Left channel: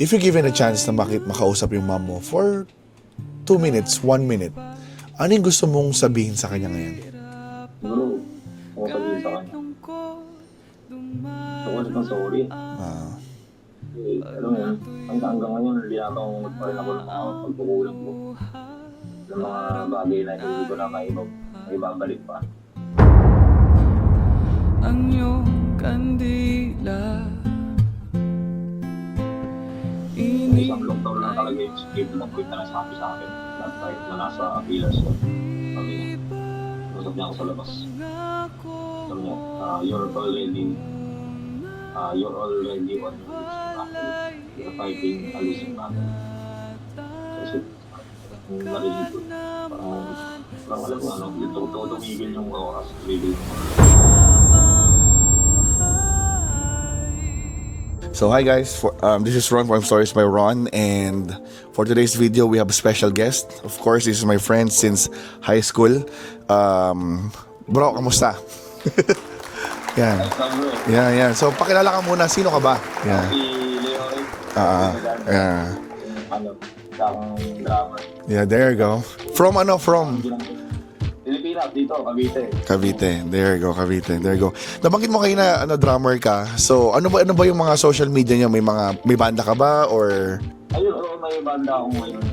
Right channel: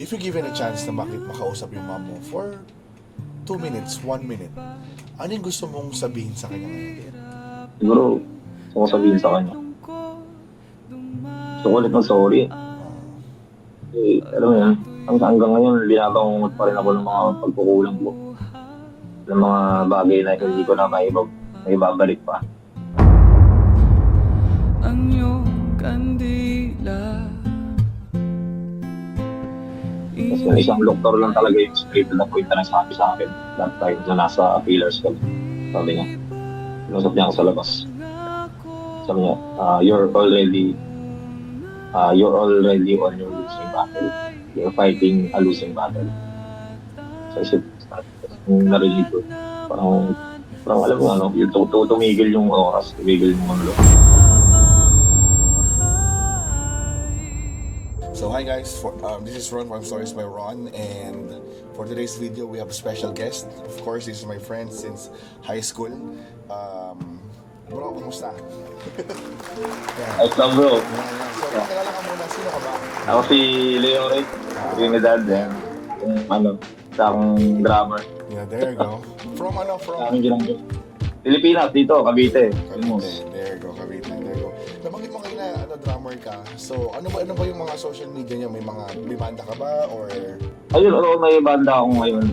If you're given a chance na makausap yung mom mo for 2 minutes, 1 minute, ano yung gusto mong sabihin sa kanya ngayon? Siguro, gusto ko sabihin sa kanya. Gusto ko ulit mag-sorry. Pero yan, hanggang ngayon, binabangungot pa rin ako ng mga pagkukulang ko. Ng mga bagay na hindi ko na maibabalik pa. Ang iyong kandila. Kasi yung isang doktor lang talaga yung straight na point na nagsabi sa akin. That time na nasa pillars ko. Sabi niya, pinusap niya ako sa labas. Sabi niya, you're already on your losing battle. You're fighting a losing battle. So isip, narinig ko. Parang alam mo ano, yung tumigil yung oras, tumigil yung mundo. So hi guys, this is Ron from Stories by Ron, and for today's video we have a special guest. Of course, this is my friend since high school. Bro, kamusta? Yan. Ay, bro. Yeah. So pakilala ka muna, sino ka ba? Ako si Leo Rick. Yeah. Isang drummer. Yeah, there you go. From Pilipinas, dito, Cavite. Cavite. There you go, Cavite. There you go. Nabanggit mo kayo na drummer ka. So, ano ba yung mga social media niyo? May banda ka ba or Ayun, may banda ako ngayon.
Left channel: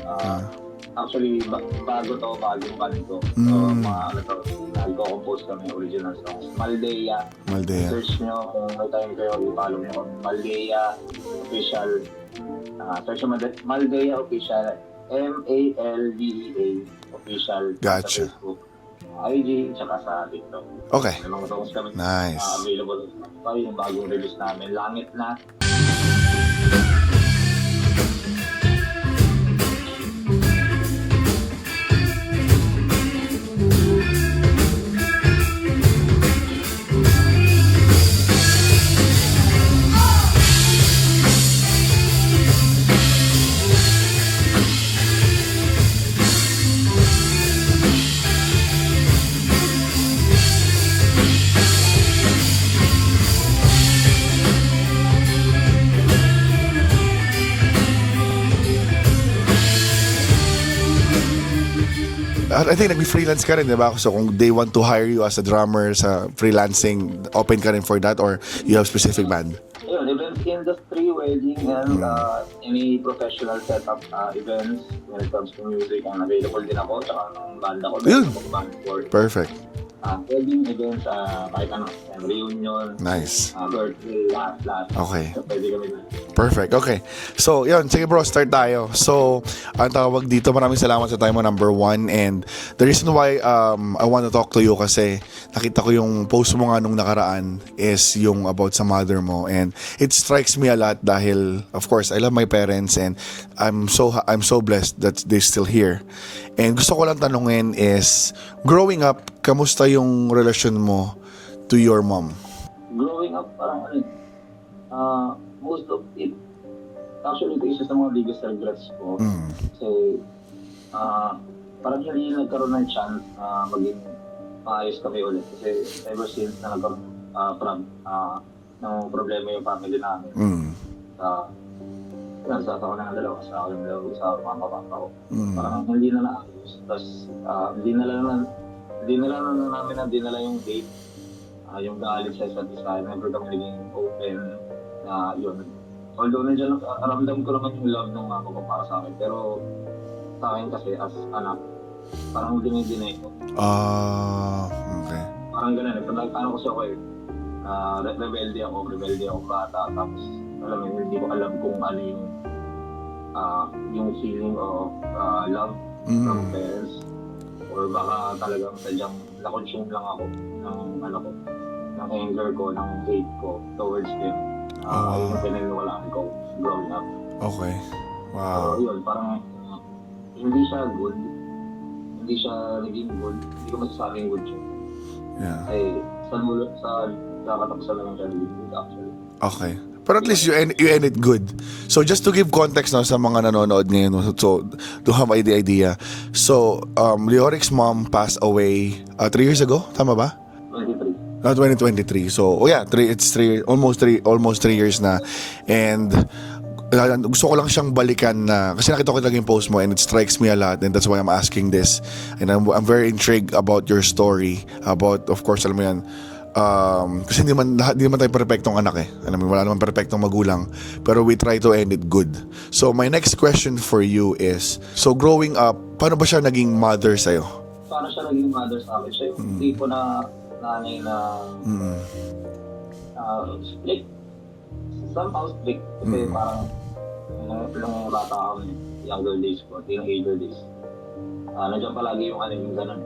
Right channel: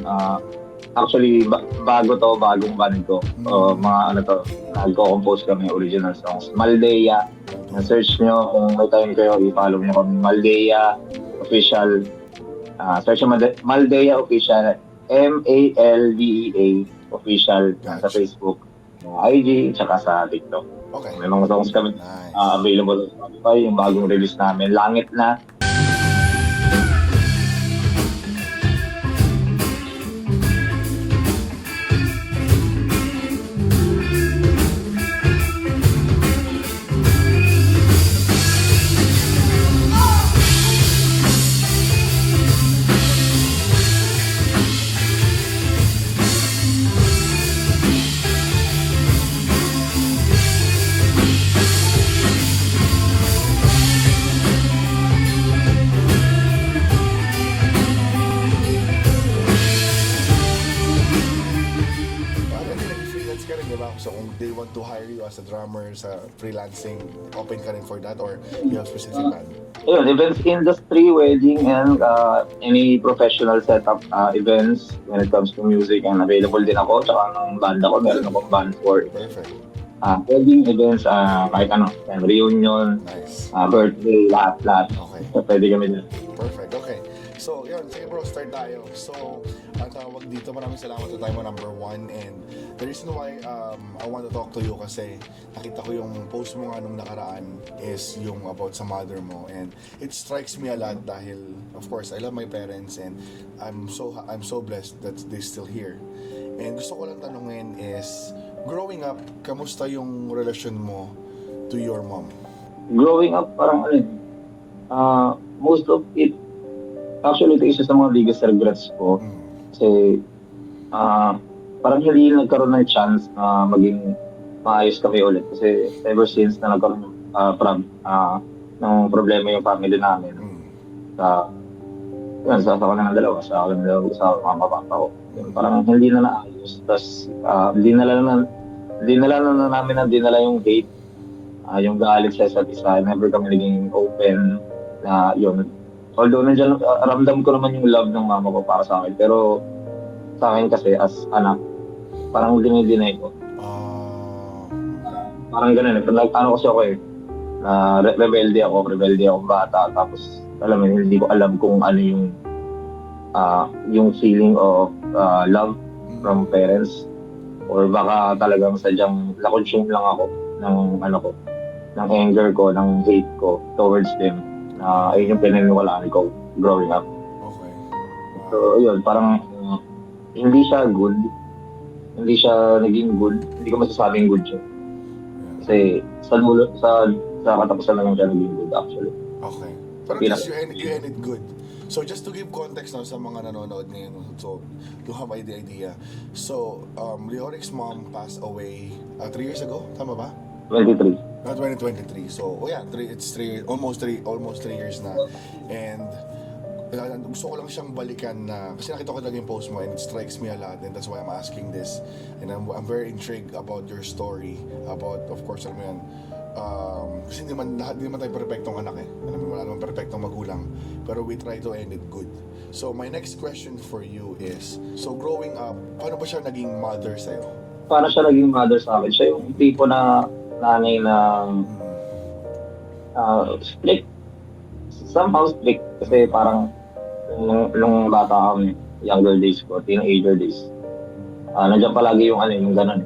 Actually, bagong band ko. So, nagko-compose kami original songs. Maldea. Search nyo kung may time kayo, i-follow nyo kami. Maldea Official. Search nyo Maldea Official. MALDEA Official. Gotcha. Sa Facebook. IG, tsaka sa TikTok. okay. May mga songs kami Nice. available sa Spotify. Yung bagong release namin, Langit Na. I think nag-freelance ka rin, di ba? So kung they want to hire you as a drummer sa freelancing, open ka rin for that or you have specific band? Ayun, events industry, wedding, and any professional setup events when it comes to music. And available din ako, tsaka ng banda ko. Meron akong band for Perfect. wedding events, kahit ano, reunion, Nice. birthday, lahat. Okay. So, pwede kami din. Perfect. Okay. So, yun. Sige bro, start tayo. So, ang tawag dito, maraming salamat sa time mo, number 1. And the reason why I want to talk to you kasi nakita ko yung post mo nga nung nakaraan is yung about sa mother mo. And it strikes me a lot dahil, of course, I love my parents and I'm so blessed that they're still here. And gusto ko lang tanungin is, growing up, kamusta yung relasyon mo to your mom? Growing up, parang most of it, actually, ito isa sa mga biggest regrets ko. Kasi, parang hindi nagkaroon ng chance na maging maayos kami ulit. Kasi ever since na nagkaroon ng problema yung family namin, sa ako ng dalawa, sa mga papa ko. Parang hindi na naayos. Tapos, dinala na namin na dinala yung date. Yung galit sa isa't isa. Never kami naging open na yun. Although nandiyan, ramdam ko naman yung love ng mama ko para sa akin. Pero sa akin kasi as anak, parang dinay ko. Okay. Parang ganun. Ano kasi ako rebelde ako bata. Tapos alam mo, hindi ko alam kung ano yung feeling of love from parents, or baka talagang sadyang na-consume lang ako ng anger ko, ng hate ko towards them. Ayun yung pinaniwalaan ko growing up. Okay. Wow. So yun, parang hindi siya good, hindi siya naging good, hindi ko masasabing good siya. Yeah. Kasi sa katapusan lang siya naging good actually. Okay. Pero at least you end it good. So just to give context now sa mga nanonood ngayon, so to have the idea. So Leoric's mom passed away 3 years ago, tama ba? 23. 2023. So almost 3 years na. And gusto ko lang siyang balikan na, kasi nakita ko talaga yung post mo and it strikes me a lot, and that's why I'm asking this. And I'm very intrigued about your story, about, of course, alam mo yan, kasi hindi man tayo perfectong anak eh. Alam mo, wala naman perfectong magulang. Pero we try to end it good. So my next question for you is, so growing up, paano ba siya naging mother sa'yo? Paano siya naging mother sa akin? Siya yung tipo na nanay na strict. Somehow strict. Kasi parang nung bata kami, younger days ko, teenager days, nandiyan palagi yung yung ganun.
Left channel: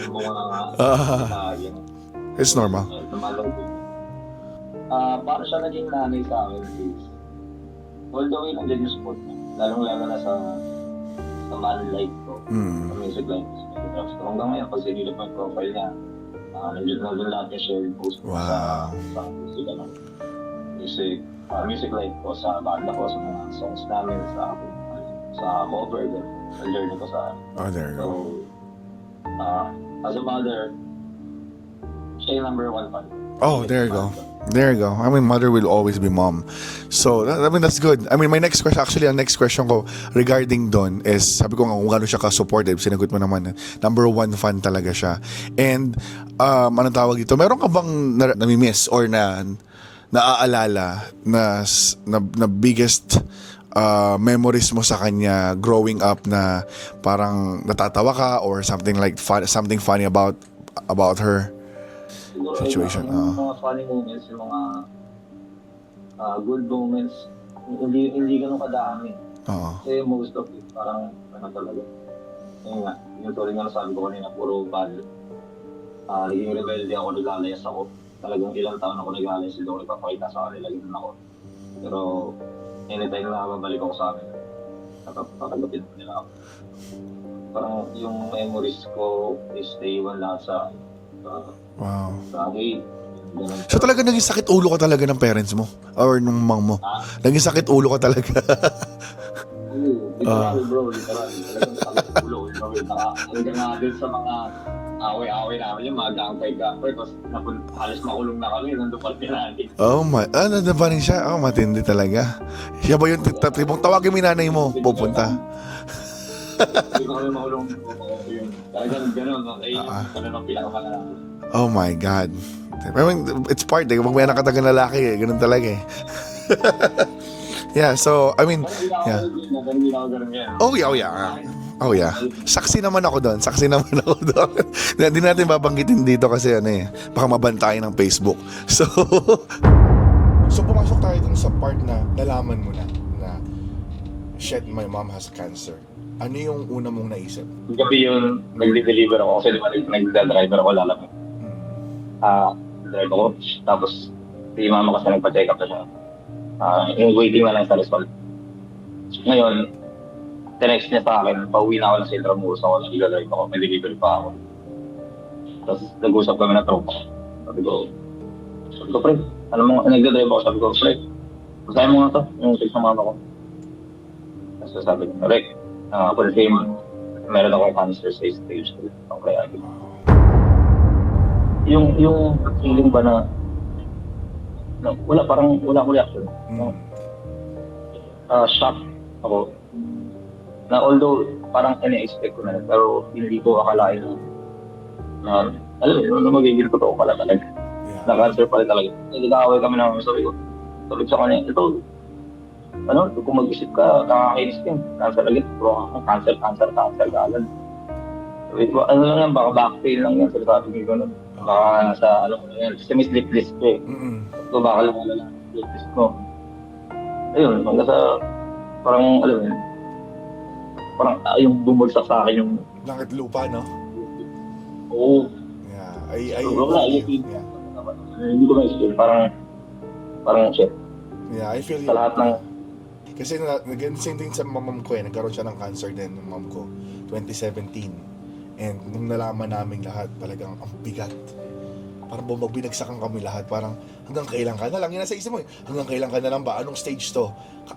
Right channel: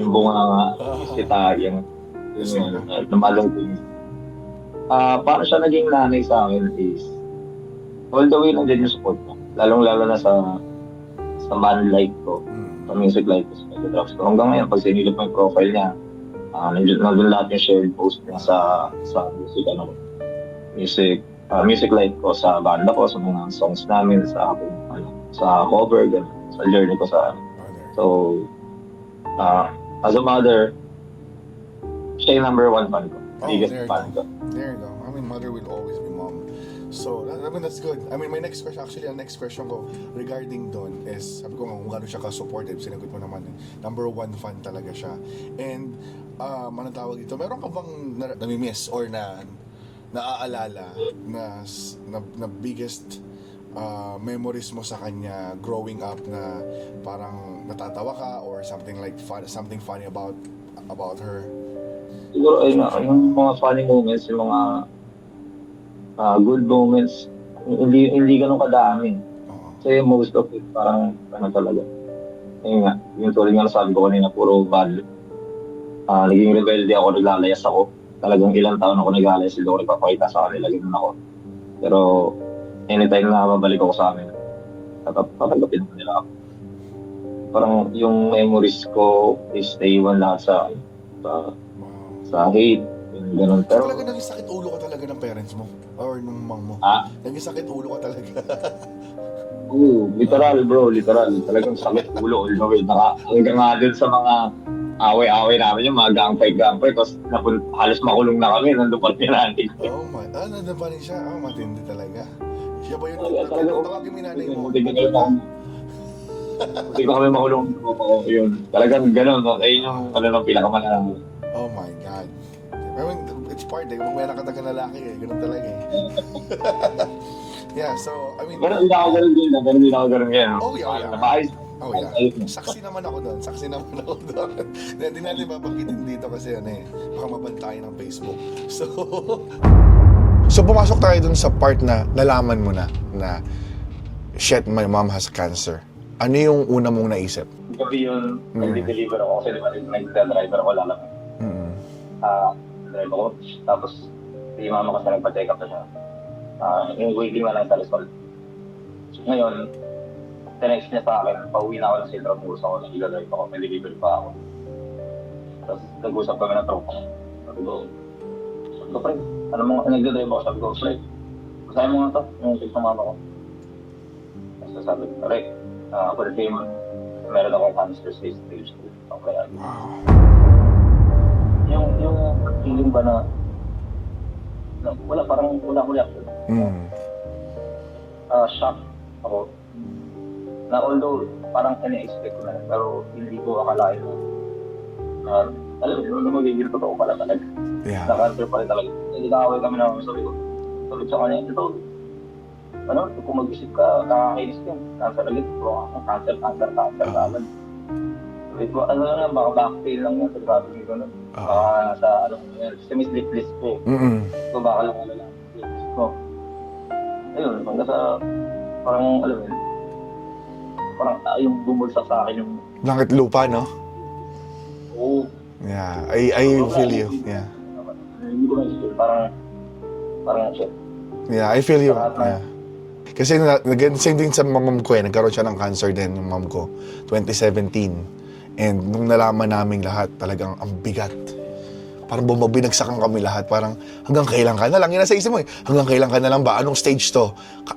Yung bunga kita, yung It's normal. Lumalong din. Paano siya naging nanay sa akin is, all the way nandiyan yung support ko. Lalong-lalo na sa band life ko, sa music life ko, sa drugs ko. Hanggang ngayon, pag sinilip mo yung profile niya, nandun lahat yung shared post ko sa music life ko, sa banda ko, sa mga songs namin, sa cover, sa journey ko sa So, as a mother, siya yung number one fan ko. Oh, Biggest there you fan go. ko. There you go. I mean, mother will always be mom. So, I mean, that's good. I mean, my next question, actually, ang next question ko regarding Don is, sabi ko nga kung gaano siya ka-supportive, sinagot mo naman, number one fan talaga siya. And, anong tawag dito? Meron ka bang nami-miss or naaalala na biggest memories mo sa kanya growing up na parang natatawa ka or something like something funny about her? Siguro, Situation, yung mga funny moments, yung mga good moments, hindi ganun kadami. Oo. Kasi most of it, parang, talaga. Ayun nga, yung tuloy nga nasabi ko kanina, puro bad. Naging rebelde ako, naglalayas ako. Talagang ilang taon ako naglalayas, hindi ako nagpapakita sa kanila, ganun ako. Pero, anytime na babalik ako sa amin, tatanggapin ko nila ako. Parang yung memories ko is naiwan lahat Wow. sa hate, yung ganun. So talaga naging sakit ulo ka talaga ng parents mo or nung mom mo? Naging sakit ulo ka talaga. Literal bro, literal. Talagang sakit ulo. Hanggang nga dun sa mga away-away namin yung mga gangpay. Tapos halos makulong na kami, nandun pa natin. Oh my, ano na ba rin siya? Oh, matindi talaga. Siya ba yung tawagin mo yung nanay mo, pupunta? Hindi ko kami makulong. Yun. Talagang gano'n. Ayun yung pinakamalala. Oh my God. I mean, it's part eh. Kapag may anak ka talagang lalaki eh. Ganun talaga eh. Yeah, so, I mean... Ganun din ako ganun yan. Oh yeah. Oh yeah. Saksi naman ako doon. Hindi natin babanggitin dito kasi baka mabantayan ng Facebook. So pumasok tayo dun sa part na nalaman mo na shit, my mom has cancer. Ano yung una mong naisip? Gabi yung nag-deliver ako kasi nag-driver ako lalaki. Driver ako. Tapos, yung mama kasi nagpa-check up na siya. Yung waiting na lang sa Rizal. Ngayon, tenext niya sa akin, pauwi na ako ng Intramuros ako, nag-drive ako, may delivery pa ako. Tapos, nag-usap kami na tropa. Sabi ko, friend, nag-drive ako, sabi ko, friend, masaya mo nga to, yung text ng mama ko. Tapos sabi ko, Rick, confirm, meron akong cancer sa stage 2 ng kaya. Yung feeling ba na wala akong reaction. Shock ako. Na although parang ina-expect ko na rin, pero hindi ko akalain na alam mo, magiging totoo pala talaga. Yeah. Na cancer pala talaga. Nag-away kami na sabi ko sa kanya, ito, kung mag-isip ka, nakakainis ka. Cancer agad, bro, cancer agad. Sabi ko, lang yan, baka backpain lang yan. Sabi ko nun. Baka nasa, kasi may sleep list ko eh. So baka lang sleep list ko. Ayun, hanggang sa, parang, parang yung bumulsak sa akin yung... Langit lupa, no? Oo. Yeah, I feel you. Yeah. Hindi ko na-explain, parang shit. Yeah, I feel you. Sa lahat na Yeah. Kasi same din sa mom ko nagkaroon siya ng cancer din ng mom ko, 2017. And nung nalaman namin lahat, talagang ang bigat. Parang bumabinagsakan kami lahat. Parang hanggang kailan ka na lang? Yan nasa isip mo eh. Hanggang kailan ka na lang ba? Anong stage to?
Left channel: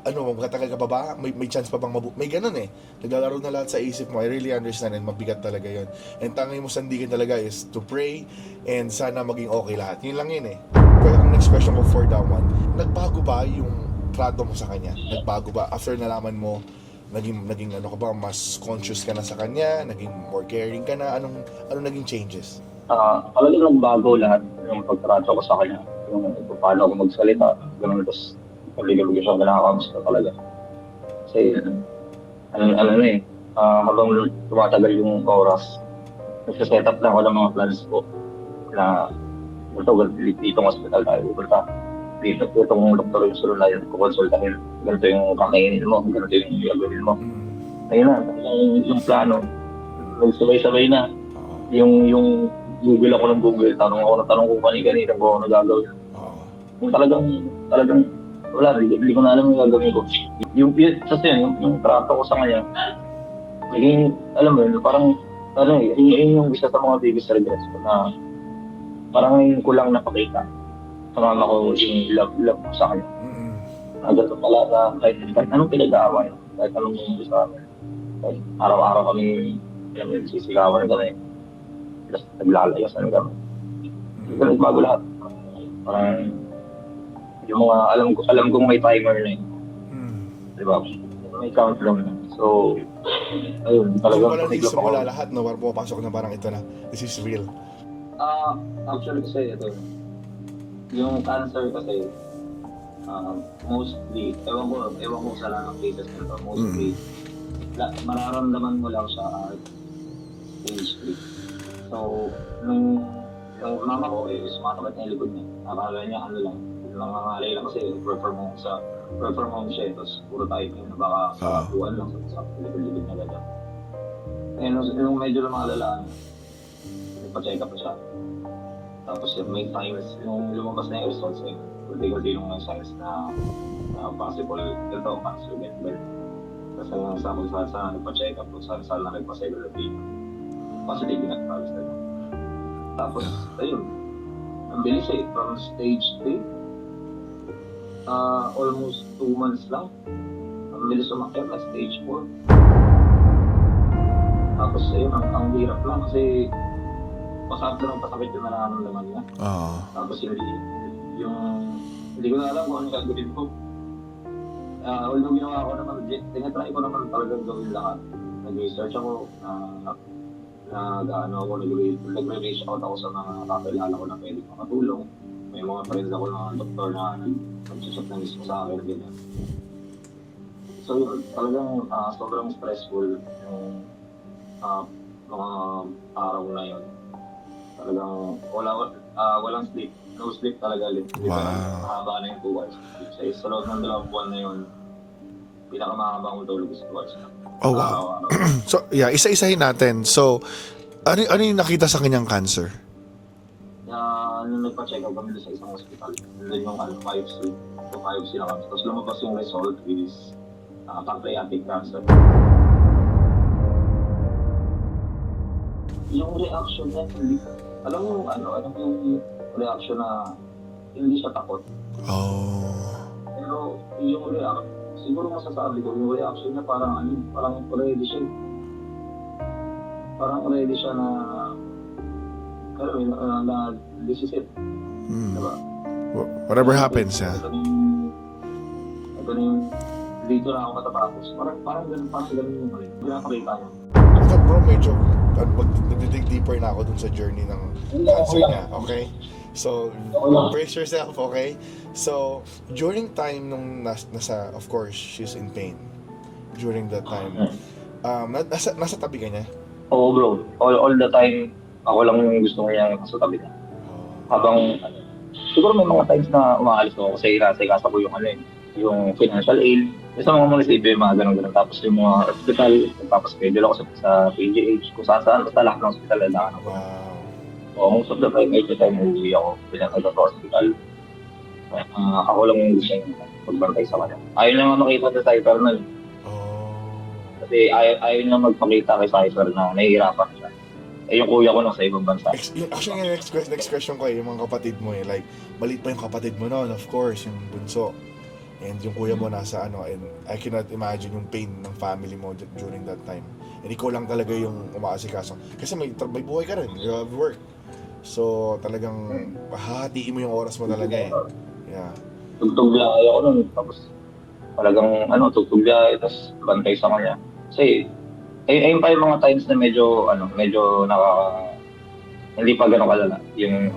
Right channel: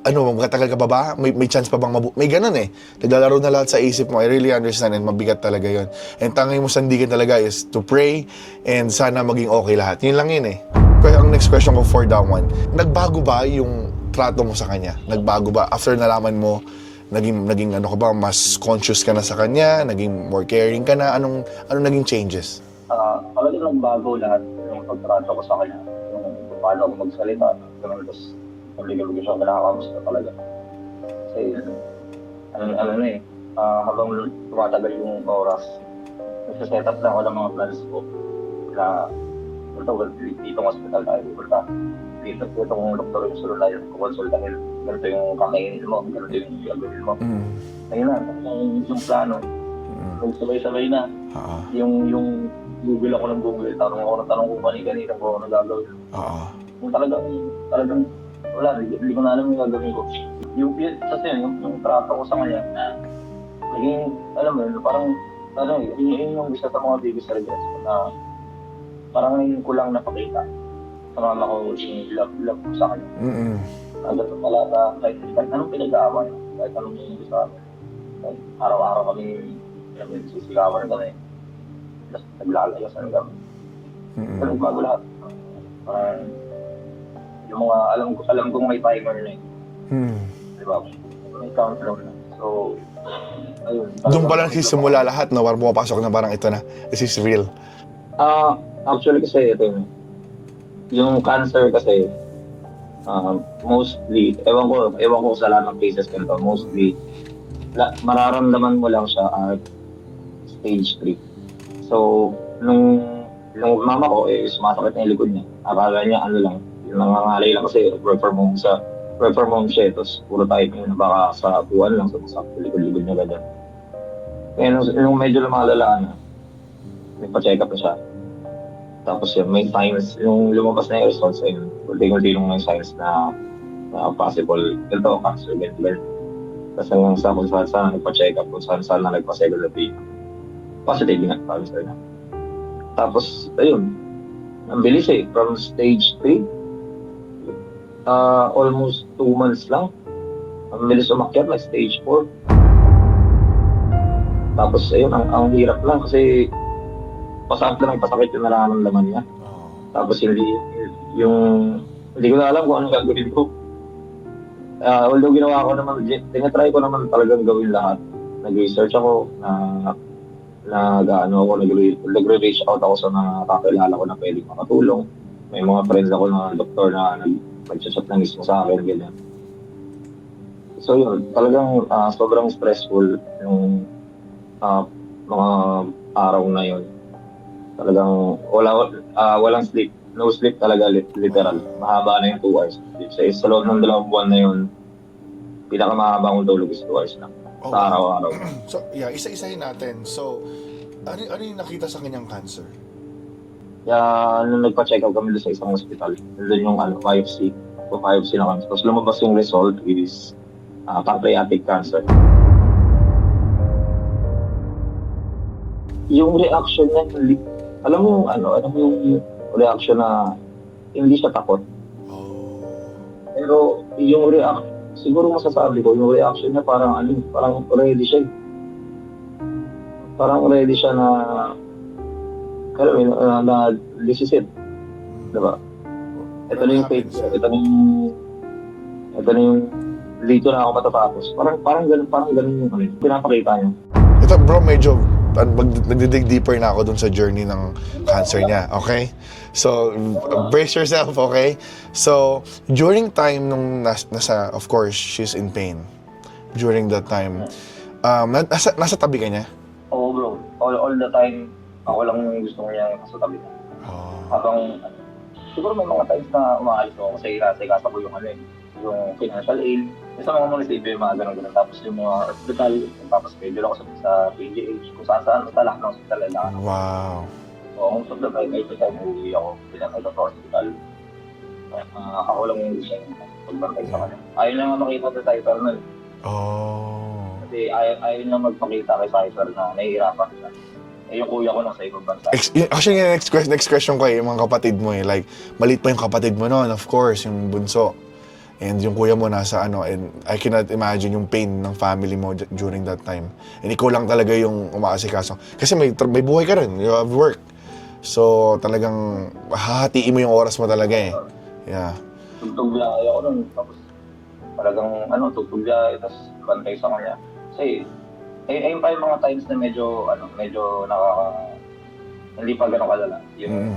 Magkatagal ka pa ba? May chance pa bang may ganun eh. Naglalaro na lahat sa isip mo. I really understand and mabigat talaga yon. And tanging mo sandigan talaga is to pray and sana maging okay lahat. Yun lang yun eh. Ang next question ko for that one, nagbago ba yung trato mo sa kanya? Nagbago ba? After nalaman mo, naging ano ka ba, mas conscious ka na sa kanya? Naging more caring ka na? Anong naging changes? Talagang nagbago lahat yung pagtrato ko sa kanya. Yung kung paano ako magsalita, ganun, tapos pag-ligabig siya, kinakamusta talaga. Kasi, habang tumatagal yung oras, nagsaset up lang ako ng mga plans ko na ditong hospital tayo pupunta. Dito itong doktor yung sunod na yun, kukonsultahin. Ganito yung kakainin mo, ganito yung gagawin mo. Ayun na, yung plano. Nagsabay-sabay na. Yung Google ako ng Google, tanong kung kanina kung ano gagawin. Yung talagang, wala, hindi ko na alam yung gagawin ko. Kasi yung trato ko sa kanya, alam mo yun, parang, yun yung isa sa mga biggest regrets ko na parang ngayon ko lang napakita. Sumama ko yung love ko sa kanya. Ganito pala na kahit anong pinag-aaway, kahit anong sa amin. Kahit araw-araw kami sisigawan kami. Tapos naglalayasan kami. Ganun bago lahat. Parang yung mga alam kong may timer na yun. Diba? May countdown na. So, ayun. Doon pa lang simula lahat, no? Parang pumapasok na parang ito na. This is real. Actually kasi ito yung cancer kasi mostly, ewan ko sa lahat ng cases ganito, mostly mararamdaman mo lang siya at stage 3. So, nung mama ko, sumasakit na yung likod niya. Akala niya, yung nangangalay lang kasi work from home siya, tapos puro type na baka sa buwan lang, sa likod-likod niya ganyan. Kaya nung medyo lumalala na, nagpa-check up na siya. Tapos yun, may signs, yung lumabas na yung results, ayun, kunti-kunti may signs na possible, ganito, cancer, ganito. Tapos hanggang sa kung saan nagpa-check up, kung saan na nagpa-second opinion. Positive nga, cancer na. Tapos, ayun, ang bilis from stage 3, almost 2 months lang. Ang bilis umakyat na stage 4. Tapos, ayun, ang hirap lang kasi pasakit na ng pasakit yung nararamdaman niya. Tapos hindi ko na alam kung anong gagawin ko. Although ginawa ko naman, tinatry ko naman talagang gawin lahat. Nag-research ako, nag-reach out ako sa mga kakilala ko na pwedeng makatulong. May mga friends ako na doktor na nag-chat na mismo sa akin, ganyan. So yun, talagang sobrang stressful yung mga araw na yun. Talagang walang sleep. No sleep talaga, literal. Mahaba na yung 2 hours. Sa loob ng 2 buwan na yun, pinakamahaba kong tulog is 2 hours na. Oh, sa wow. araw-araw. So, yeah, isa-isahin natin. So, ano yung nakita sa kanyang cancer? Kaya nung nagpa-check out kami doon sa isang hospital, doon yung biopsy. So, biopsy na kami. Tapos lumabas yung result is pancreatic cancer. Yung reaction niya, alam mo yung reaction na hindi siya takot. Pero yung siguro masasabi ko, yung reaction niya parang ready siya. Parang ready siya na, na this is it. Diba? Whatever happens, yeah. Ito na yung, dito na ako matatapos. Parang ganun yung pinapakita niya. Ito bro, medyo nagdidig deeper na ako dun sa journey ng cancer niya, okay? So, brace yourself, okay? So, during time nung nasa, of course, she's in pain. During that time, nasa tabi ka niya? Oo bro, all the time, ako lang yung gusto niya nasa tabi niya. Habang, siguro may mga times na umaalis ako kasi nasa ko yung financial aid. Sa mga munisipyo yung mga ganun. Tapos yung mga hospital, tapos schedule ako sa PGH, kung saan, basta lahat ng hospital lang. Wow. So, most of the time, every time uuwi ako, pinagkagod sa hospital. Ako lang yung gusto niya magbantay sa kanya. Ayaw na makita sa Cypher na. Kasi ayaw na magpakita kay Cypher na nahihirapan siya. Yung kuya ko nasa ibang bansa. Actually, next question ko yung mga kapatid mo like, maliit pa yung kapatid mo noon, of course, yung bunso. And yung kuya mo nasa and I cannot imagine yung pain ng family mo during that time. And ikaw lang talaga yung umaasikaso. Kasi may buhay ka rin, you have work. So talagang hahatiin mo yung oras mo talaga . Yeah. Tugtog lang ayaw ko nun. Tapos talagang tugtog biyahe, tapos bantay sa kanya. Kasi, ayun pa yung mga times na medyo hindi pa gano'ng kalala. Yung,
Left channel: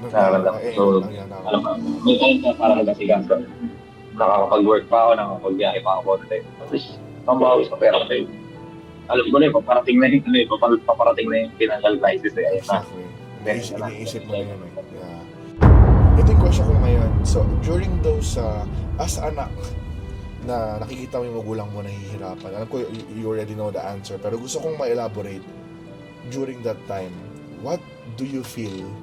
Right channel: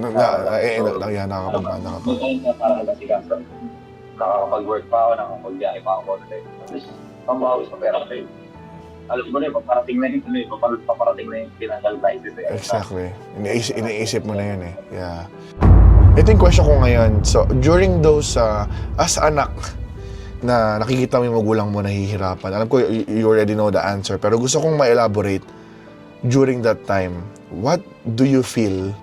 alam mo, may time na parang nag-asigansa. Nakakapag-work pa ako, nakakapag-biyahe pa ako. At least, pambawi sa pera ko. Alam ko na paparating na yung financial crisis. Exactly. Iniisip mo na yun eh. Yeah. Ito yung question ko ngayon. So, during those, as anak, na nakikita mo yung magulang mo nahihirapan, alam ko you already know the answer, pero gusto kong ma-elaborate during that time. What do you feel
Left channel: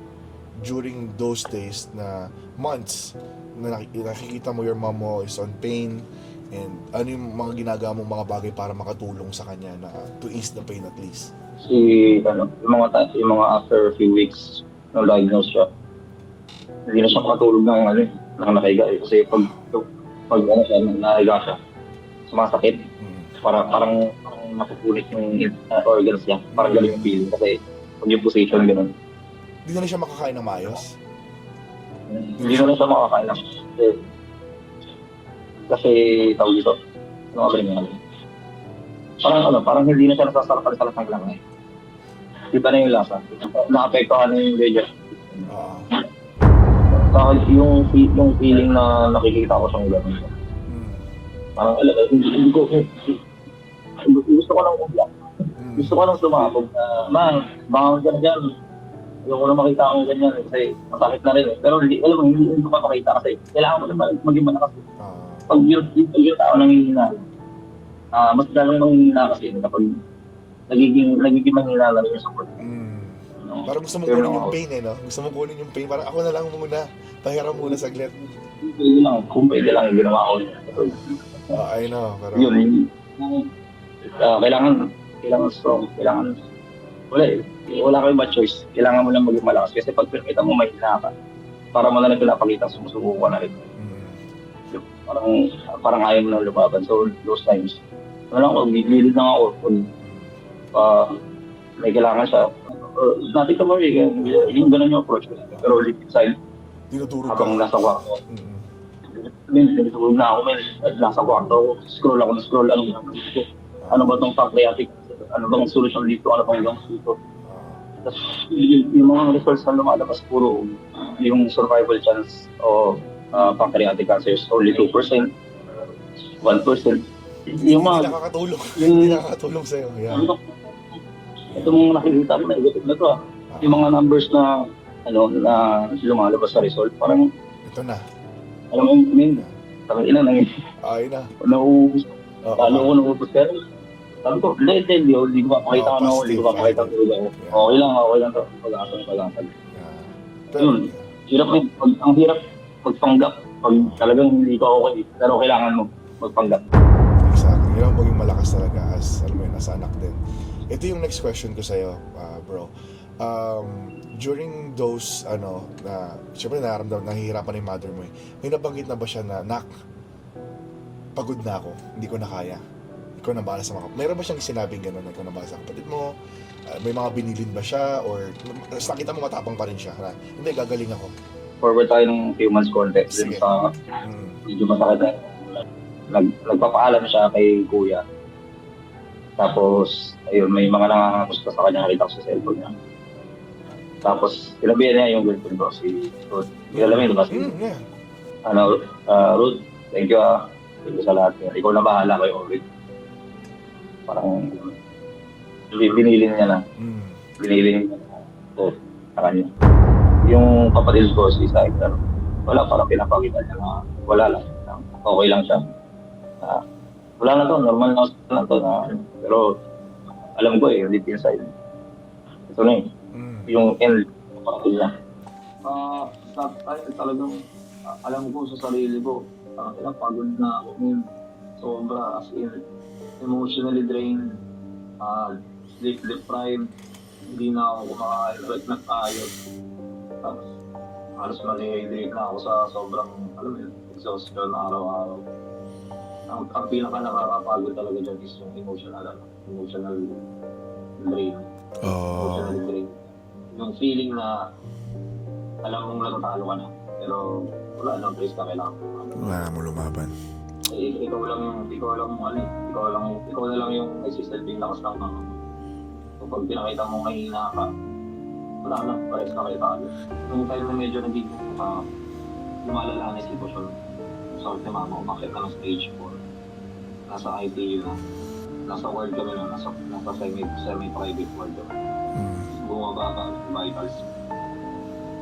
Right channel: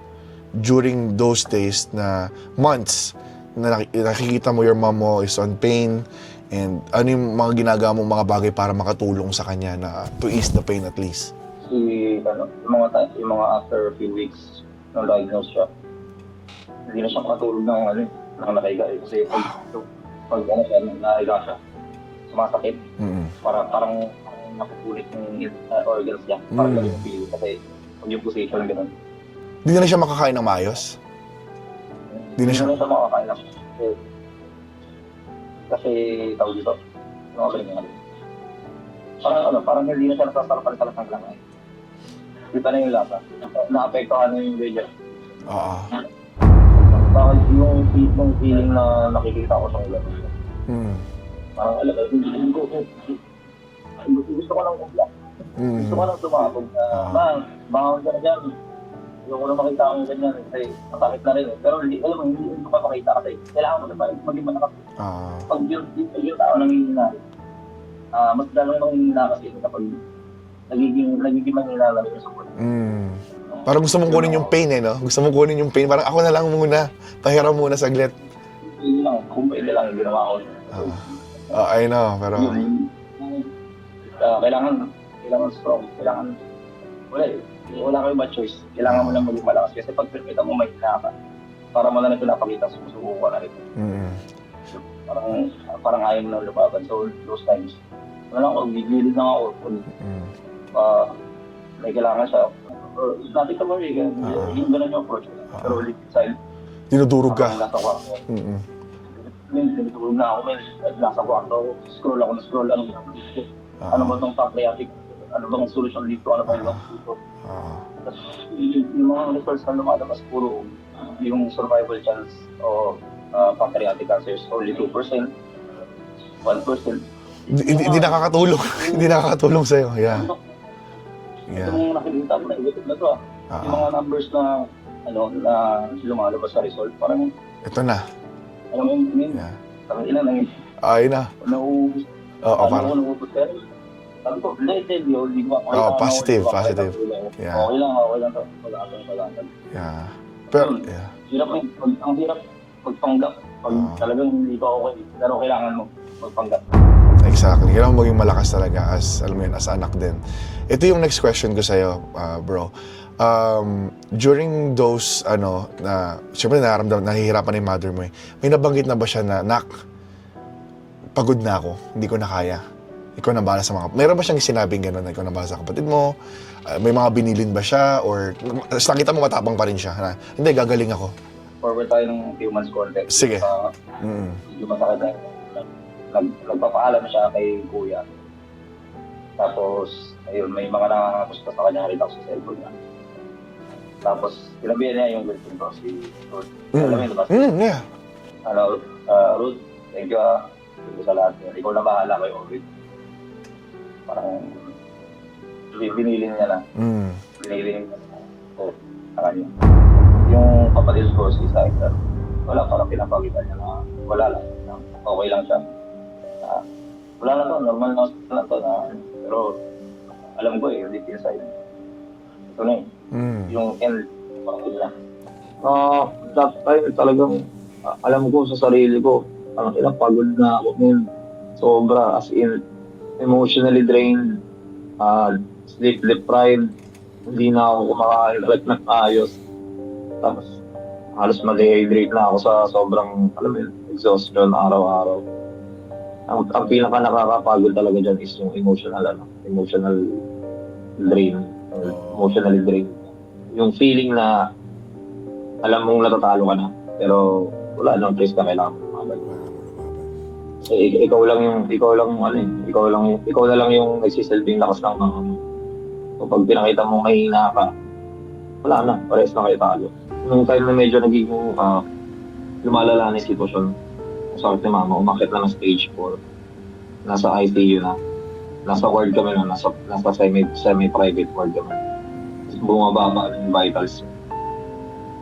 during those days na months na nakikita mo your mom mo is on pain, and ano yung mga ginagawa mong mga bagay para makatulong sa kanya na to ease the pain at least? Yung mga after a few weeks na diagnose siya, hindi na siya makatulog ng nakahiga. Kasi pag siya, nakahiga siya, sumasakit. Parang napupunit yung organs niya. Parang galing yung feeling. Kasi pag yung position, gano'n. Hindi na siya makakain ng maayos? Hindi na siya makakain ng kasi tawag dito, parang hindi na siya nasasarap-salas ng langay. Iba na yung lasa. Nakapektuhan na yung ledger. Dahil yung feeling na nakikita ko siyang gano'n. Parang hindi ko, gusto ko lang umla. Gusto ko lang sumabog na, man, bangon ka na dyan. Ayoko na makita akong ganyan kasi masakit na rin. Pero hindi ko pa makita kasi kailangan mo na maging malakas. Pag yung tao nanghihina, mas lalong nanghihina kasi kapag nagiging manghihina na rin yung support. Parang gusto mong kunin yung pain no? Gusto mong kunin yung pain. Parang ako na lang muna. Pahiram muna saglit. Kung pwede lang yung ginawa ko. I know, pero... Kailangan strong. Wala kang iba choice. Kailangan mo lang maging malakas kasi pag pinakita mo may hina ka, para mo na lang pinapakita, sumusuko ka na rin. Parang ayaw mo na lumaban. So, those times, gigilid na ako. May kailangan siya. Natin ka ba yung ganun yung approach ko. Pero ulit inside, dinudurog ka. habang nasa kwarto. Dinudurog na ako, nasa kwarto. Scroll, ano ba itong pancreatic? Ano bang solusyon dito? Ano ba yung dito? Tapos yung mga results na lumalabas, puro yung survival chance o pancreatic cancer is only 2%, 1%. Hindi nakakatulong. Hindi nakakatulong sa'yo. Yeah. Ito mga nakikita mo na ito yung mga numbers na lumalabas sa result, parang ito na. alam mo, parang Ay na. nauubos. Nauubos ka rin. Sabi ko, hindi ko makakita ako. Positive. Yeah. Okay lang to. Pag-asal. Yeah. Pero, Hirap ang hirap magpanggap. Pag talagang hindi ka okay, pero kailangan mo magpanggap. Exactly. Kailangan maging malakas talaga as anak din. Ito yung next question ko sa'yo, bro. During those, siyempre nahihirapan na yung mother mo eh. May nabanggit na ba siya na, Nak, pagod na ako, hindi ko na kaya. Ikaw na bahala sa mga... Mayroon ba siyang sinabing gano'n na ikaw na bahala sa kapatid mo? May mga binilin ba siya? Or nakita mo matapang pa rin siya? Na, hindi, gagaling ako. Forward tayo ng few months context. Sige. Medyo masakit na. Nagpapaalam siya kay kuya. Tapos, ayun, may mga nangangamusta sa kanya, nakita ko sa cellphone niya. Tapos, sinabihan niya yung girlfriend ko, si Ruth. Alam mo yun, diba? Yeah. Ruth, thank you Thank you sa lahat. Ikaw na bahala kayo, Ruth. Parang binili niya na. Binili niya na. So, sa kanya. Yung kapatid ko, si Saiter, wala, parang pinapakita niya na wala lang. Okay lang siya. Wala na to, normal na to. Pero alam ko deep inside. Ito na yung end. Parang that time talagang alam ko sa sarili ko, parang ilang pagod na ako ngayon. Sobra, as in, emotionally drained, sleep deprived, hindi na ako kumakain ng ayos. Tapos halos ma-dehydrate na ako sa sobrang, exhaustion araw-araw. Ang pinaka nakakapagod talaga dyan is yung emotional drain. Emotionally drain. Yung feeling na alam mong natatalo ka na, pero wala nang place ka kailangan. Wala mo lumaban. Ikaw na lang yung nagsisilbing lakas ng mga mo. Kapag pinakita mo mahina ka, wala na, parehas na kayo talo. Nung time na medyo nagiging lumalala na yung sitwasyon, sakit ni mama, umakit na ng stage 4. Nasa ICU na. Nasa ward kami na, nasa semi-private ward kami. Bumababa na yung vitals.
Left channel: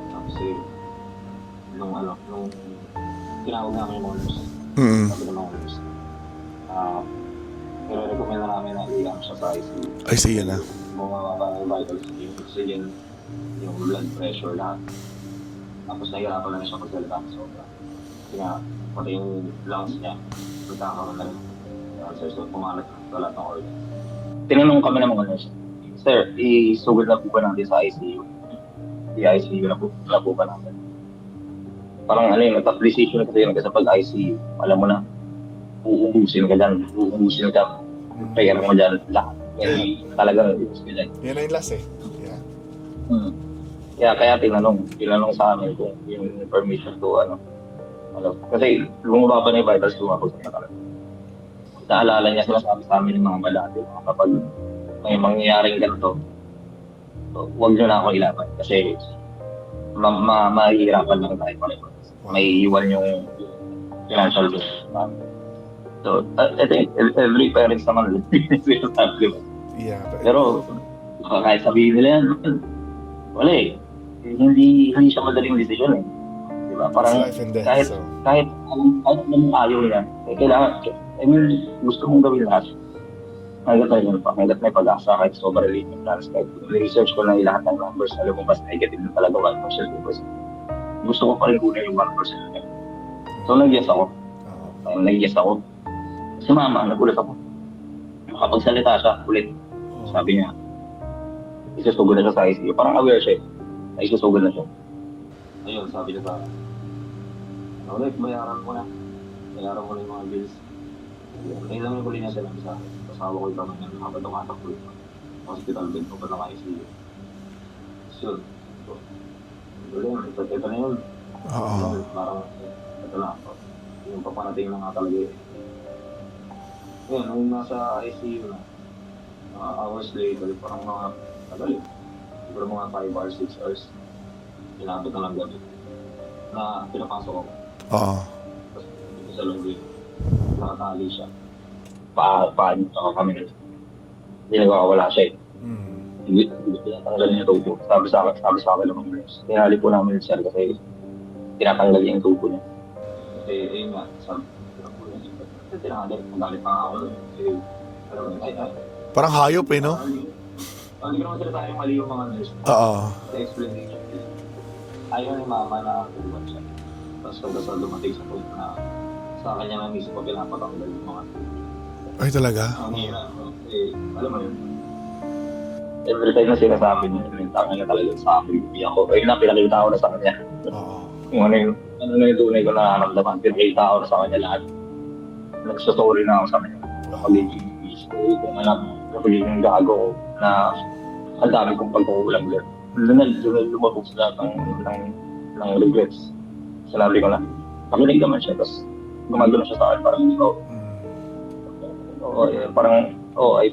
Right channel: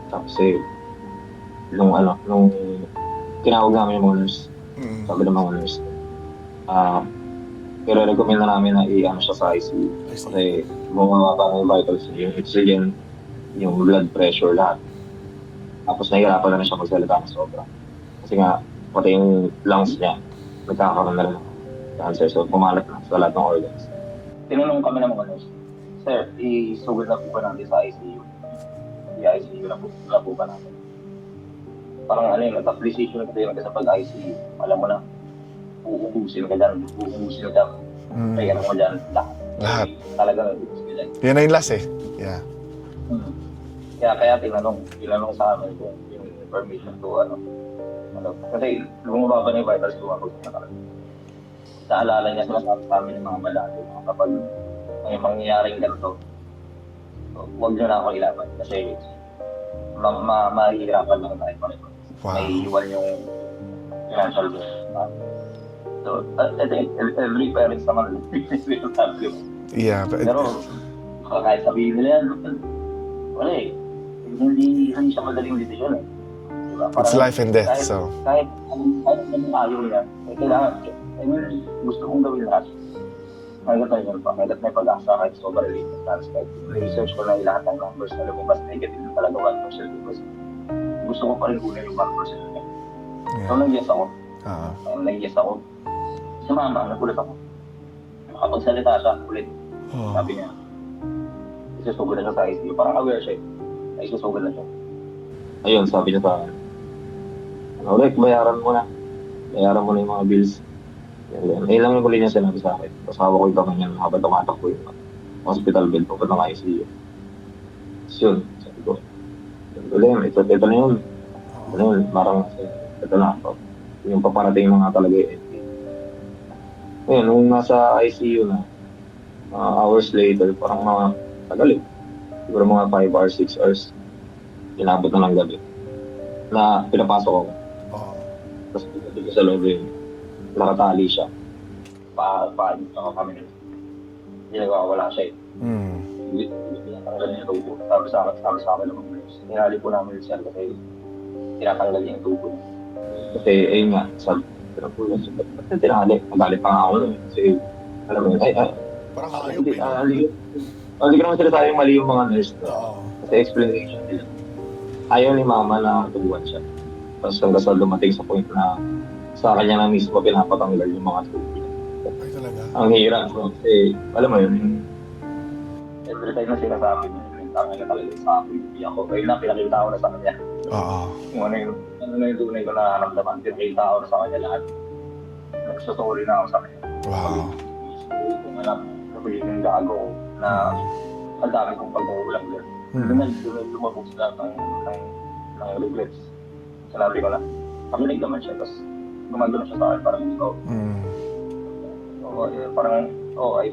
Tapos nung tinawag namin yung mga nurse, sabi ng mga nurse, pero recommend na namin na i-ano siya sa ICU. ICU na. Kasi bumababa na yung vitals, yung oxygen, yung blood pressure, lahat. Tapos nahihirapan na siya magsalita ng sobra. Kasi nga, pati yung lungs niya, nagkakaroon na rin ng cancer. So, pumalat na sa lahat ng organs. Tinanong kami ng mga nurse, Sir, isugod na po ba natin sa ICU? I-ICU na po ba natin? Parang top decision na kasi sa pag-ICU. Alam mo na, uubusin ka dyan. Kaya mo dyan lahat. Talagang uubusin ka dyan. Yan na yung last eh. Yeah. Kaya tinanong sa amin kung yung permission to kasi bumababa na yung vitals, lumabot na talaga. Naalala niya sinasabi sa amin ng mga malati, kapag may mangyayaring ganito, huwag nyo na ako ilaban kasi mahihirapan lang tayo pareho. Wow. May iwan yung financial bill. So, I think every parents naman di ba? Yeah. Pero kahit sabihin nila yan, wala eh. Hindi siya madaling desisyon eh. Diba? It's life and death, kahit, so. Kahit anong ayaw niya, kailangan, gusto mong gawin lahat. Hanggat may pag-asa, kahit sobrang related plans, kahit research ko na lahat ng numbers na lumabas, negative na talaga 1%. Gusto ko pa rin kunin yung 1% na. So, nag-yes ako. Si mama, nagulat ako. Makapagsalita siya ulit. Sabi niya, isusugod na siya sa ICU. Parang aware siya. Isusugod na siya. Ayun, sabi niya sa akin, Rick, bayaran mo na yung mga bills. Lang yung huli niya sinabi sa akin. Kasawa ko yung kama niya habang tumatakbo yung hospital bill papunta ng ICU. Tapos yun, sabi ko, ito na yun. Parang, ito na. Yung paparating na nga talaga yun. Ngayon, nung nasa ICU na, hours later, parang mga tagal eh. Siguro mga 5 hours, 6 hours. Inabot na ng gabi. Na pinapasok ako. Tapos dito sa loob yun, nakatali siya. Paano kami na. Hindi nagkakawala siya eh. Hindi tinatanggal niya tubo. Sabi sa akin ng nurse. Tinali po namin yung sir kasi tinatanggal niya yung tubo niya. Kasi ayun nga, sabi tinali. Nagalit pa nga ako nun. Kasi alam mo yun, Parang hayop eh, no? Hindi ko naman sila yung mali yung mga nurse. Kasi explanation nila. Ayaw ni mama na tubuhan siya. Tapos hanggang sa dumating sa point na sa kanya na mismo pinapatanggal yung mga tubo. Ay, talaga? Ang hirap. Kasi, alam mo yun, every time na sinasabi niya, tangin na talaga sa akin. Ako, ayun na, pinakita ko na sa kanya. Kung ano yung tunay ko na naramdaman, pinakita ko na sa kanya lahat. Nagsasorry na ako sa kanya. Kung anak, kapagiging gago ko na ang dami kong pagkukulang din. Doon na lumabog sila ng regrets. Sinabi ko na, pakinig naman siya, tapos gumagano siya sa akin, parang I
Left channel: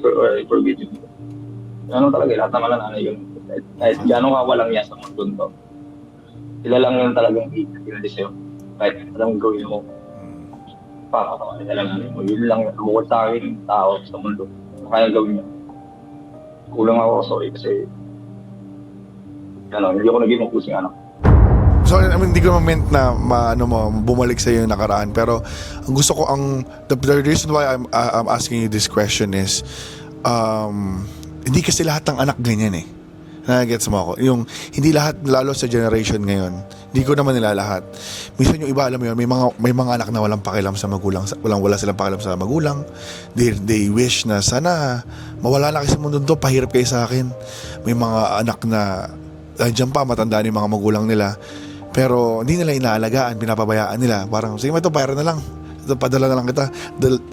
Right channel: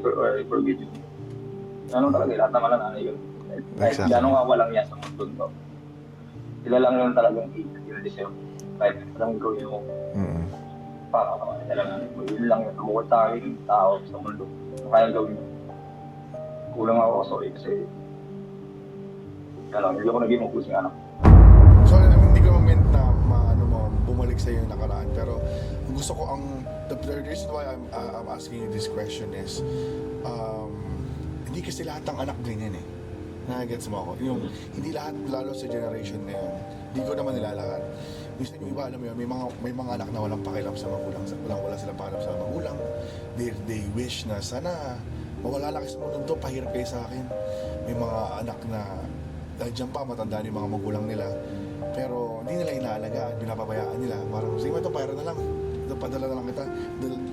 forgive you. Ano talaga, lahat naman na nanay yun. Kahit gano'ng kawalang niya sa mundo to. Sila lang yung talagang i-deseo. Kahit anong gawin mo, papapakasin na lang namin. Yun lang, bukod sa akin, tao sa mundo. Kaya gawin niya. Kulang ako, sorry, kasi hindi ako naging mapusing anak. So, I mean, hindi ko naman meant na bumalik sa yung nakaraan. Pero, ang gusto ko, the reason why I'm asking you this question is, hindi kasi lahat ng anak ganyan eh. Nagets mo ako? Yung, hindi lahat, lalo sa generation ngayon, hindi ko naman nila lahat. Minsan yung iba, alam mo yun, may mga anak na walang pakialam sa magulang, wala silang pakialam sa magulang. They wish na sana mawala na kayo sa mundo to, pahirap kayo sa akin. May mga anak na dyan pa, matandaan yung mga magulang nila. Pero hindi nila inaalagaan, pinapabayaan nila. Parang, sige, ito, pera na lang. Ito, padala na lang kita.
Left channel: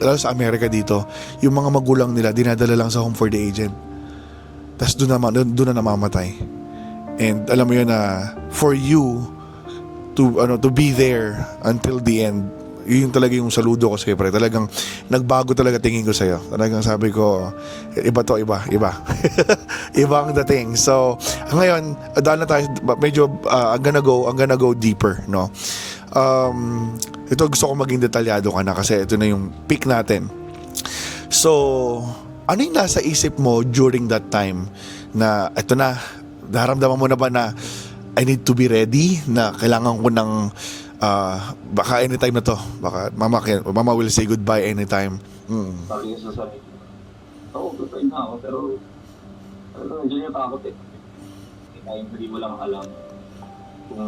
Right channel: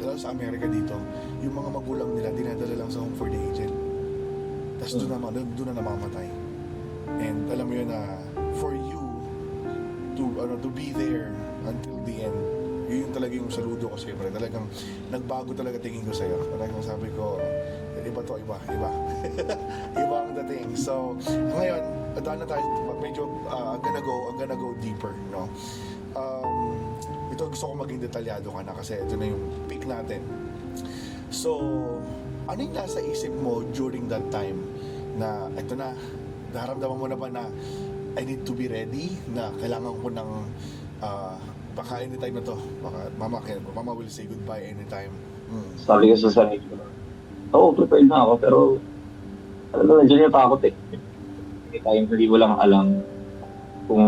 Lalo sa Amerika dito, yung mga magulang nila, dinadala lang sa home for the aged. Tapos doon na namamatay. And alam mo yun na, for you to be there until the end, yun talaga yung saludo ko sa'yo, pre. Talagang nagbago talaga tingin ko sa'yo. Talagang sabi ko, iba to, iba. Iba ang dating. So, ngayon, dahil na tayo, medyo, I'm gonna go deeper, no? Ito gusto ko maging detalyado ka na kasi ito na yung peak natin. So, ano yung nasa isip mo during that time na ito na, naramdaman mo na ba na I need to be ready, na kailangan ko ng baka anytime na to, baka mama will say goodbye anytime. Sabi ko sa sarili ko, oo, prepared na ako, pero alam mo, nandiyan yung takot eh. Hindi mo lang alam kung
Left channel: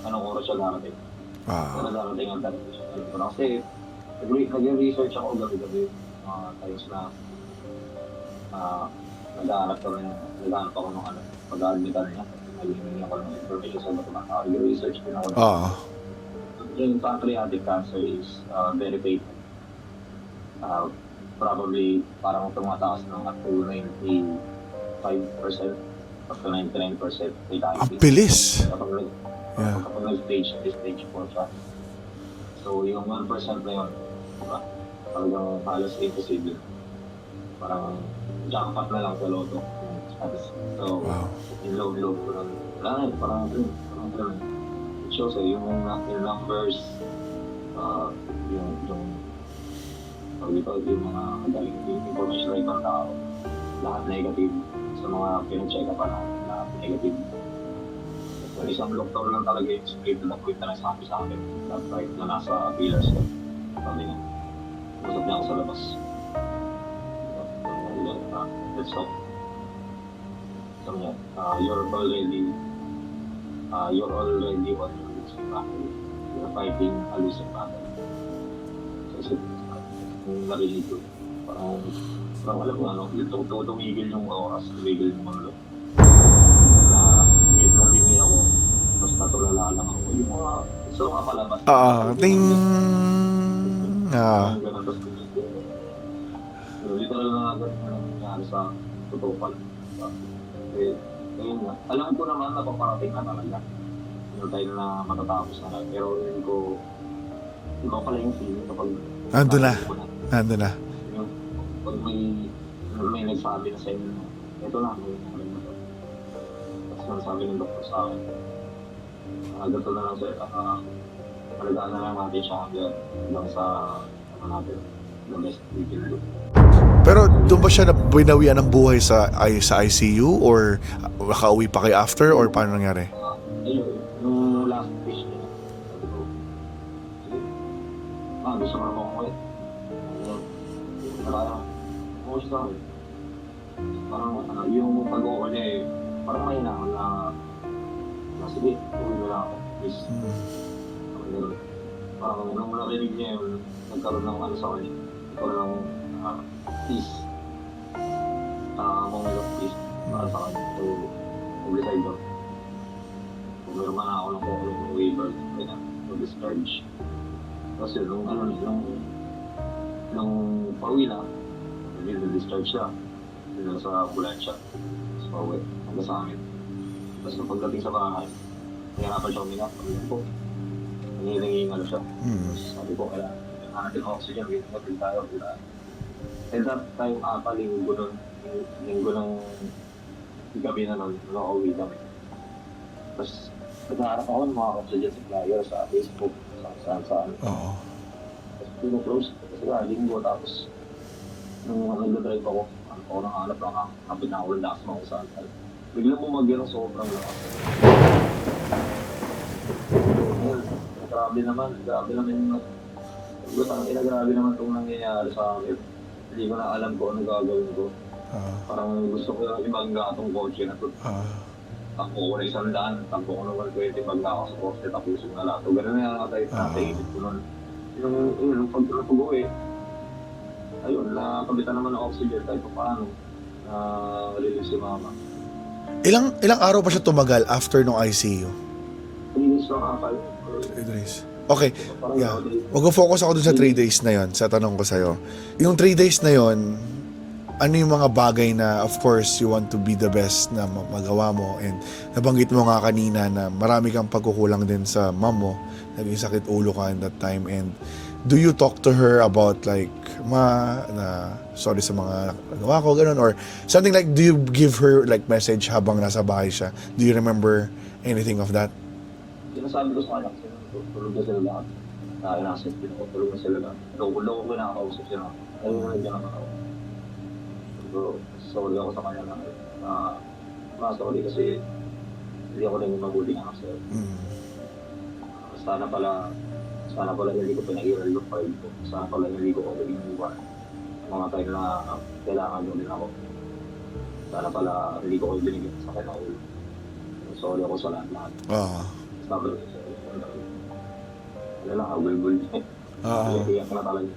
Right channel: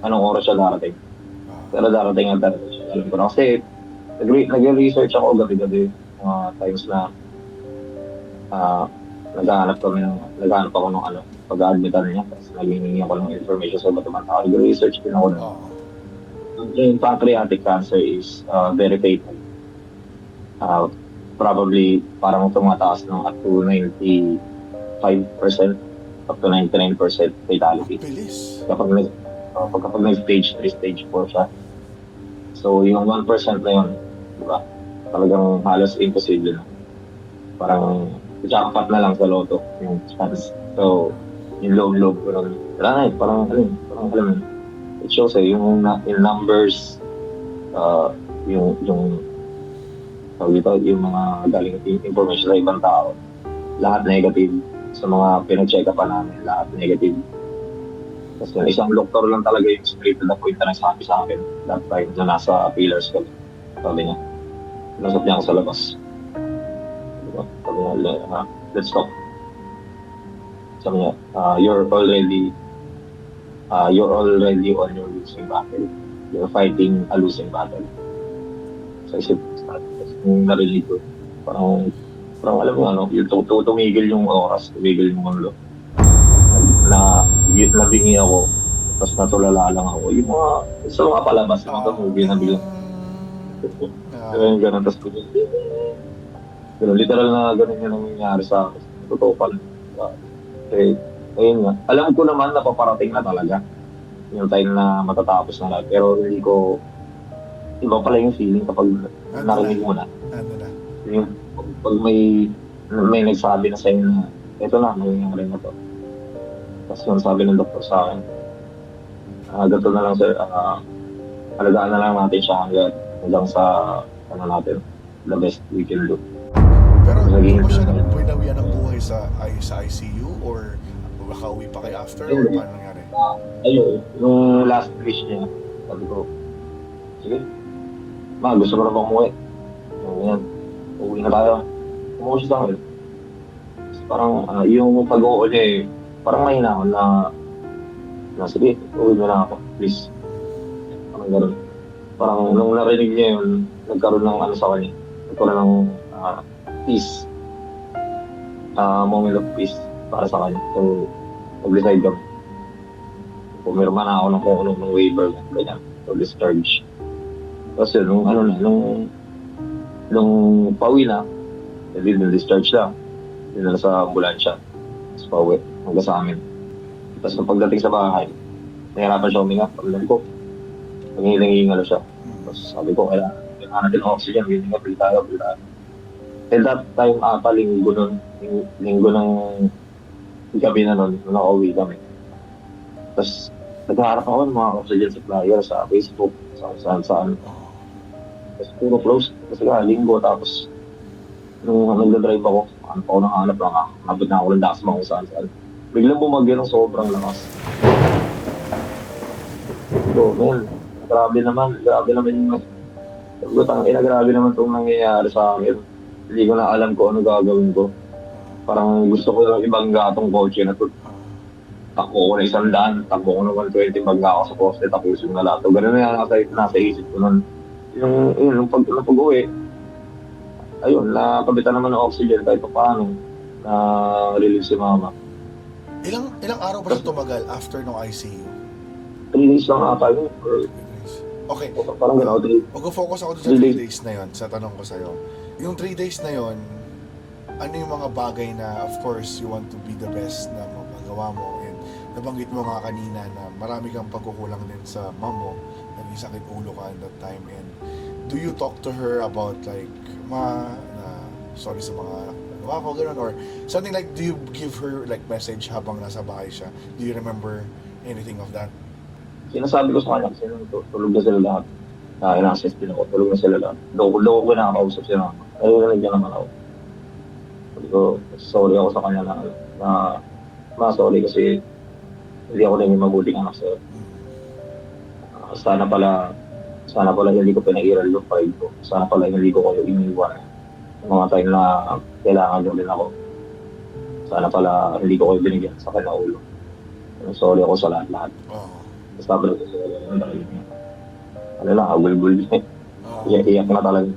anong oras siya darating. Pero darating ang darating siya. Alam ko na kasi nag-research ako gabi-gabi mga times na naghahanap ako ng pag-admitan niya, tapos naghihingi ako ng information sa iba't ibang tao. Nag-research din ako na yung pancreatic cancer is very fatal. Probably parang tumataas ng up to 95% up to 99% fatality. Bilis. Kapag may stage 3, stage 4 siya. So yung 1% na yun, diba? Talagang halos imposible na. Parang jackpot na lang sa loto yung chance. So, yung loob ko nun. Wala na eh, parang alam mo. It shows eh, yung numbers, yung mga galing information sa ibang tao, lahat negative. Sa mga pinag-check upan namin, lahat negative. Tapos yung isang doktor lang talaga yung straight to the point na nagsabi sa akin that time na nasa pillars kami. Sabi niya, nasap niya ako sa labas. Diba? Sabi niya, let's talk. Sabi niya, you're already on your losing battle. You're fighting a losing battle. So isip, yung narinig ko, parang alam mo yung tumigil yung oras, tumigil yung mundo. Nabingi ako, tapos natulala lang ako. Yung sa mga palabas, ganun, tapos literal na ganun yung nangyayari sa akin. Totoo pala. Okay, ayun nga. Alam ko naman na paparating na talaga yung time na matatapos na lahat. Pero hindi ko, iba pala yung feeling kapag Nandun na. Yung, pag may nagsabi na sa'yo na ito na, nangyayari na to. Tapos yung sabi ng doktor sa akin, ganito na lang sir, alagaan na lang natin siya hanggang sa natin, the best we can do. Pero doon ba siya binawian ng buhay sa ICU or nakauwi pa kayo after or paano nangyari? Ayun, yung last wish niya, sabi ko, sige, gusto ko na bang umuwi? Yan, uwi na tayo. Umuwi siya sa akin. Parang yung pag-uwi niya parang mahina ako na sige, uwi mo na ako, please. Parang gano'n. Parang nung narinig niya yun, nagkaroon ng sa kanya. Nagkaroon ng peace. Moment of peace para sa kanya. So, mag-decide kami. Pumirma na ako ng kung anong waiver, ganyan, or discharge. Tapos yun, nung pauwi na, hindi na discharge na. Dinala sa ambulansya. Tapos pauwi, hanggang sa amin. Tapos nung pagdating sa bahay, nahirapan siya huminga. Pagdating ko, nangihingal siya. Tapos sabi ko, kailangan natin ng oxygen, hihinga, pili tayo. And that time, linggo ng gabi na nun, nung nakauwi kami. Tapos naghaharap ako ng mga oxygen supplier sa Facebook, saan. Tapos puro close, kasi linggo, tapos nung nagdadrive ako, hanap lang ako, nabot na ako ng dakas mga kung saan. Biglang bumagyo ng sobrang lakas. So, grabe naman yung grabe naman itong nangyayari sa akin. Hindi ko na alam kung ano gagawin ko. Parang gusto ko yung ibang gatong kotse na to. Takbo ko na 100, takbo ko na 120, magla ako sa poste, tapos yung nalato. Ganun na yung nasa isip ko nun. Yung pag-uwi, ayun, nakabitan naman ng oxygen kahit pa paano na release si mama. Ilang araw pa siya tumagal after ng ICU? 3 days lang ata yun. 3 days. Okay. Parang Mag-focus ako dun sa 3 days na yon sa tanong ko sa'yo. Yung 3 days na yon, ano yung mga bagay na of course you want to be the best na magawa mo, and nabanggit mo nga kanina na marami kang pagkukulang din sa mom mo, naging sakit ulo ka in that time, and do you talk to her about like, ma, na sorry sa mga nagawa ko, ganun, or something like, do you give her like message habang nasa bahay siya? Do you remember anything of that? Sinasabi ko sa kanya kasi tulog na sila lahat. In-assist din ako, tulog na sila lahat. Loko ko nakakausap sila. Narinig niya naman ako. Sabi ko, sorry ako sa kanya na sorry kasi hindi ako naging mabuting anak sa'yo. Sana pala hindi ko pinag-iral yung pride ko. Sana pala hindi ko kayo iniwan. Yung mga time na kailangan nyo din ako. Sana pala hindi ko kayo binigyan sa kanya ulo. Sorry ako sa lahat. Sabi ko sila, ano lang, agul-gul. Iyak na talaga.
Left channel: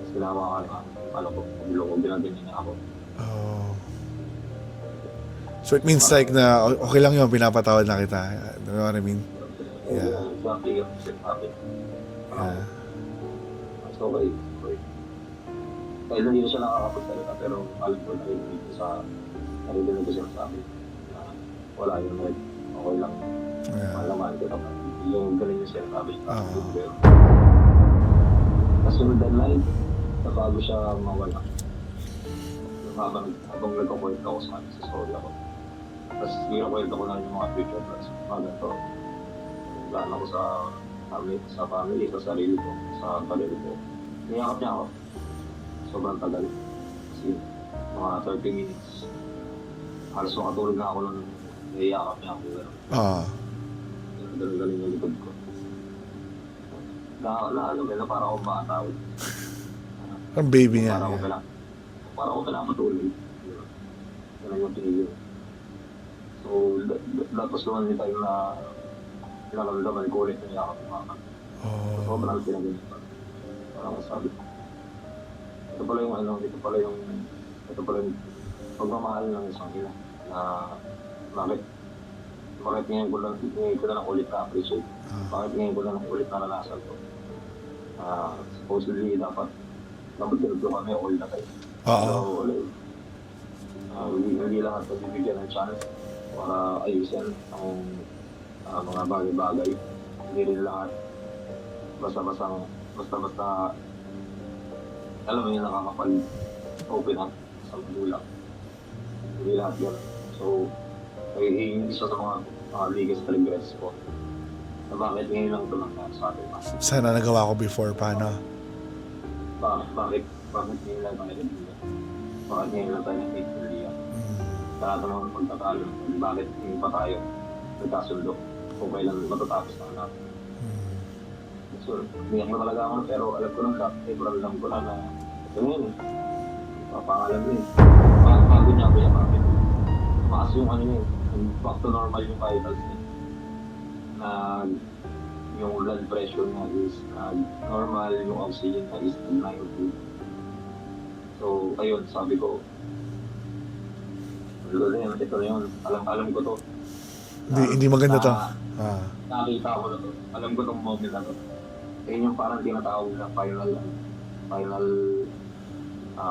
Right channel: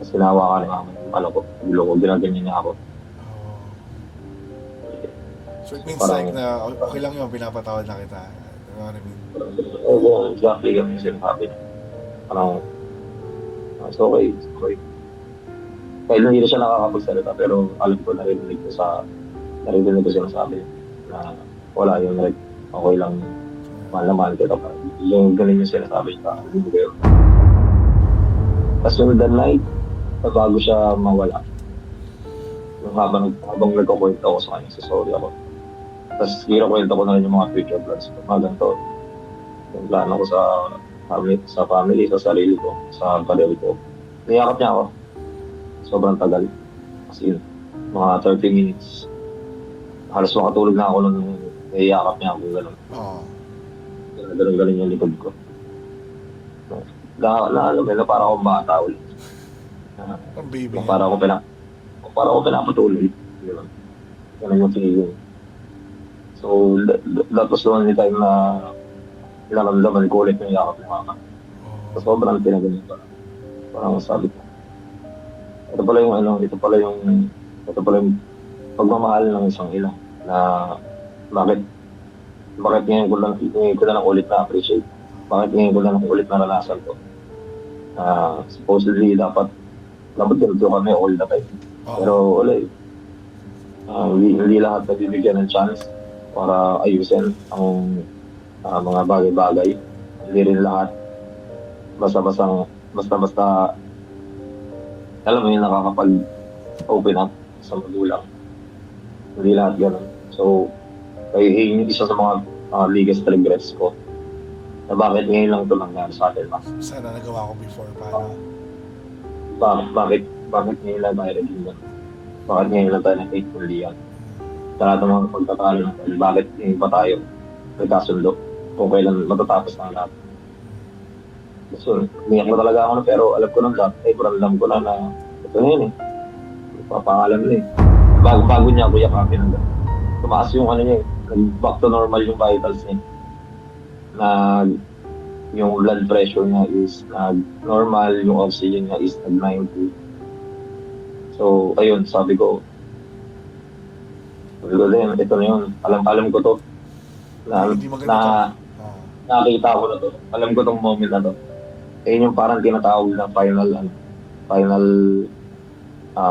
Tapos sinawa ka naman, ulo ko, ginaganyan niya ako. So it means like na okay lang yun, pinapatawad na kita. You know what I mean? Oo, exactly yung sinasabi niya. It's okay. Kahit hindi na siya nakakapagsalita, pero alam ko narinig ko sinasabi na wala yung like, okay lang, mahal na mahal kita. Yung ganun yung sinasabi niya. Tapos yung that night, bago siya mawala, yung habang nagkakwento ako sa kanya, sorry ako. Tapos kwento ko na rin yung mga future plans ko. Mga ganito, yung plano ko sa family, sa sarili ko, sa career ko. Niyakap niya ako. Sobrang tagal. Kasi mga 30 minutes. Halos makatulog na ako nung niyakap niya ako. Gano'n. Ganun yung likod ko. Alam mo, para akong bata ulit. Ang baby niya. Para ako pinapatuloy. Ganun yung feeling. So, that was the only time na pinaramdaman ko ulit yung yakap ng mama. So, sobrang pinaganit pa. Parang sabi ko, ito pala yung pagmamahal ng isang ina na bakit ngayon ko na lang ulit na-appreciate. Bakit ngayon ko na lang ulit naranasan ko. Supposedly, dapat ganito kami all the time. Pero wala eh. Hindi lahat nabibigyan ng chance para ayusin ang mga bagay-bagay. Hindi rin lahat basta alam mo yung nakakapag-open up sa magulang. Hindi lahat gano'n. So, yung isa sa mga biggest regrets ko na bakit ngayon lang ito nangyari sa atin. Sana nagawa ko before, paano? Bakit ngayon lang tayo naging gano'n? Bakit ngayon lang tayo na-faithfully yan? Sa lahat ng mga pagtatalo natin, bakit ngayon pa tayo nagkasundo? Kung kailan matatapos na lahat. So, umiyak na talaga ako pero alam ko nang alam ko na ito na yun eh. Papangalan na eh. Bago niya ako yakapin na tumaas yung niya eh. Back to normal yung vitals niya. Yung blood pressure niya is normal, yung oxygen niya is 90. So, ayun, sabi ko din, ito na yun. Alam ko to. Hindi maganda to. Nakita ko na to. Alam ko tong moment na to. Yun yung parang tinatawag ng final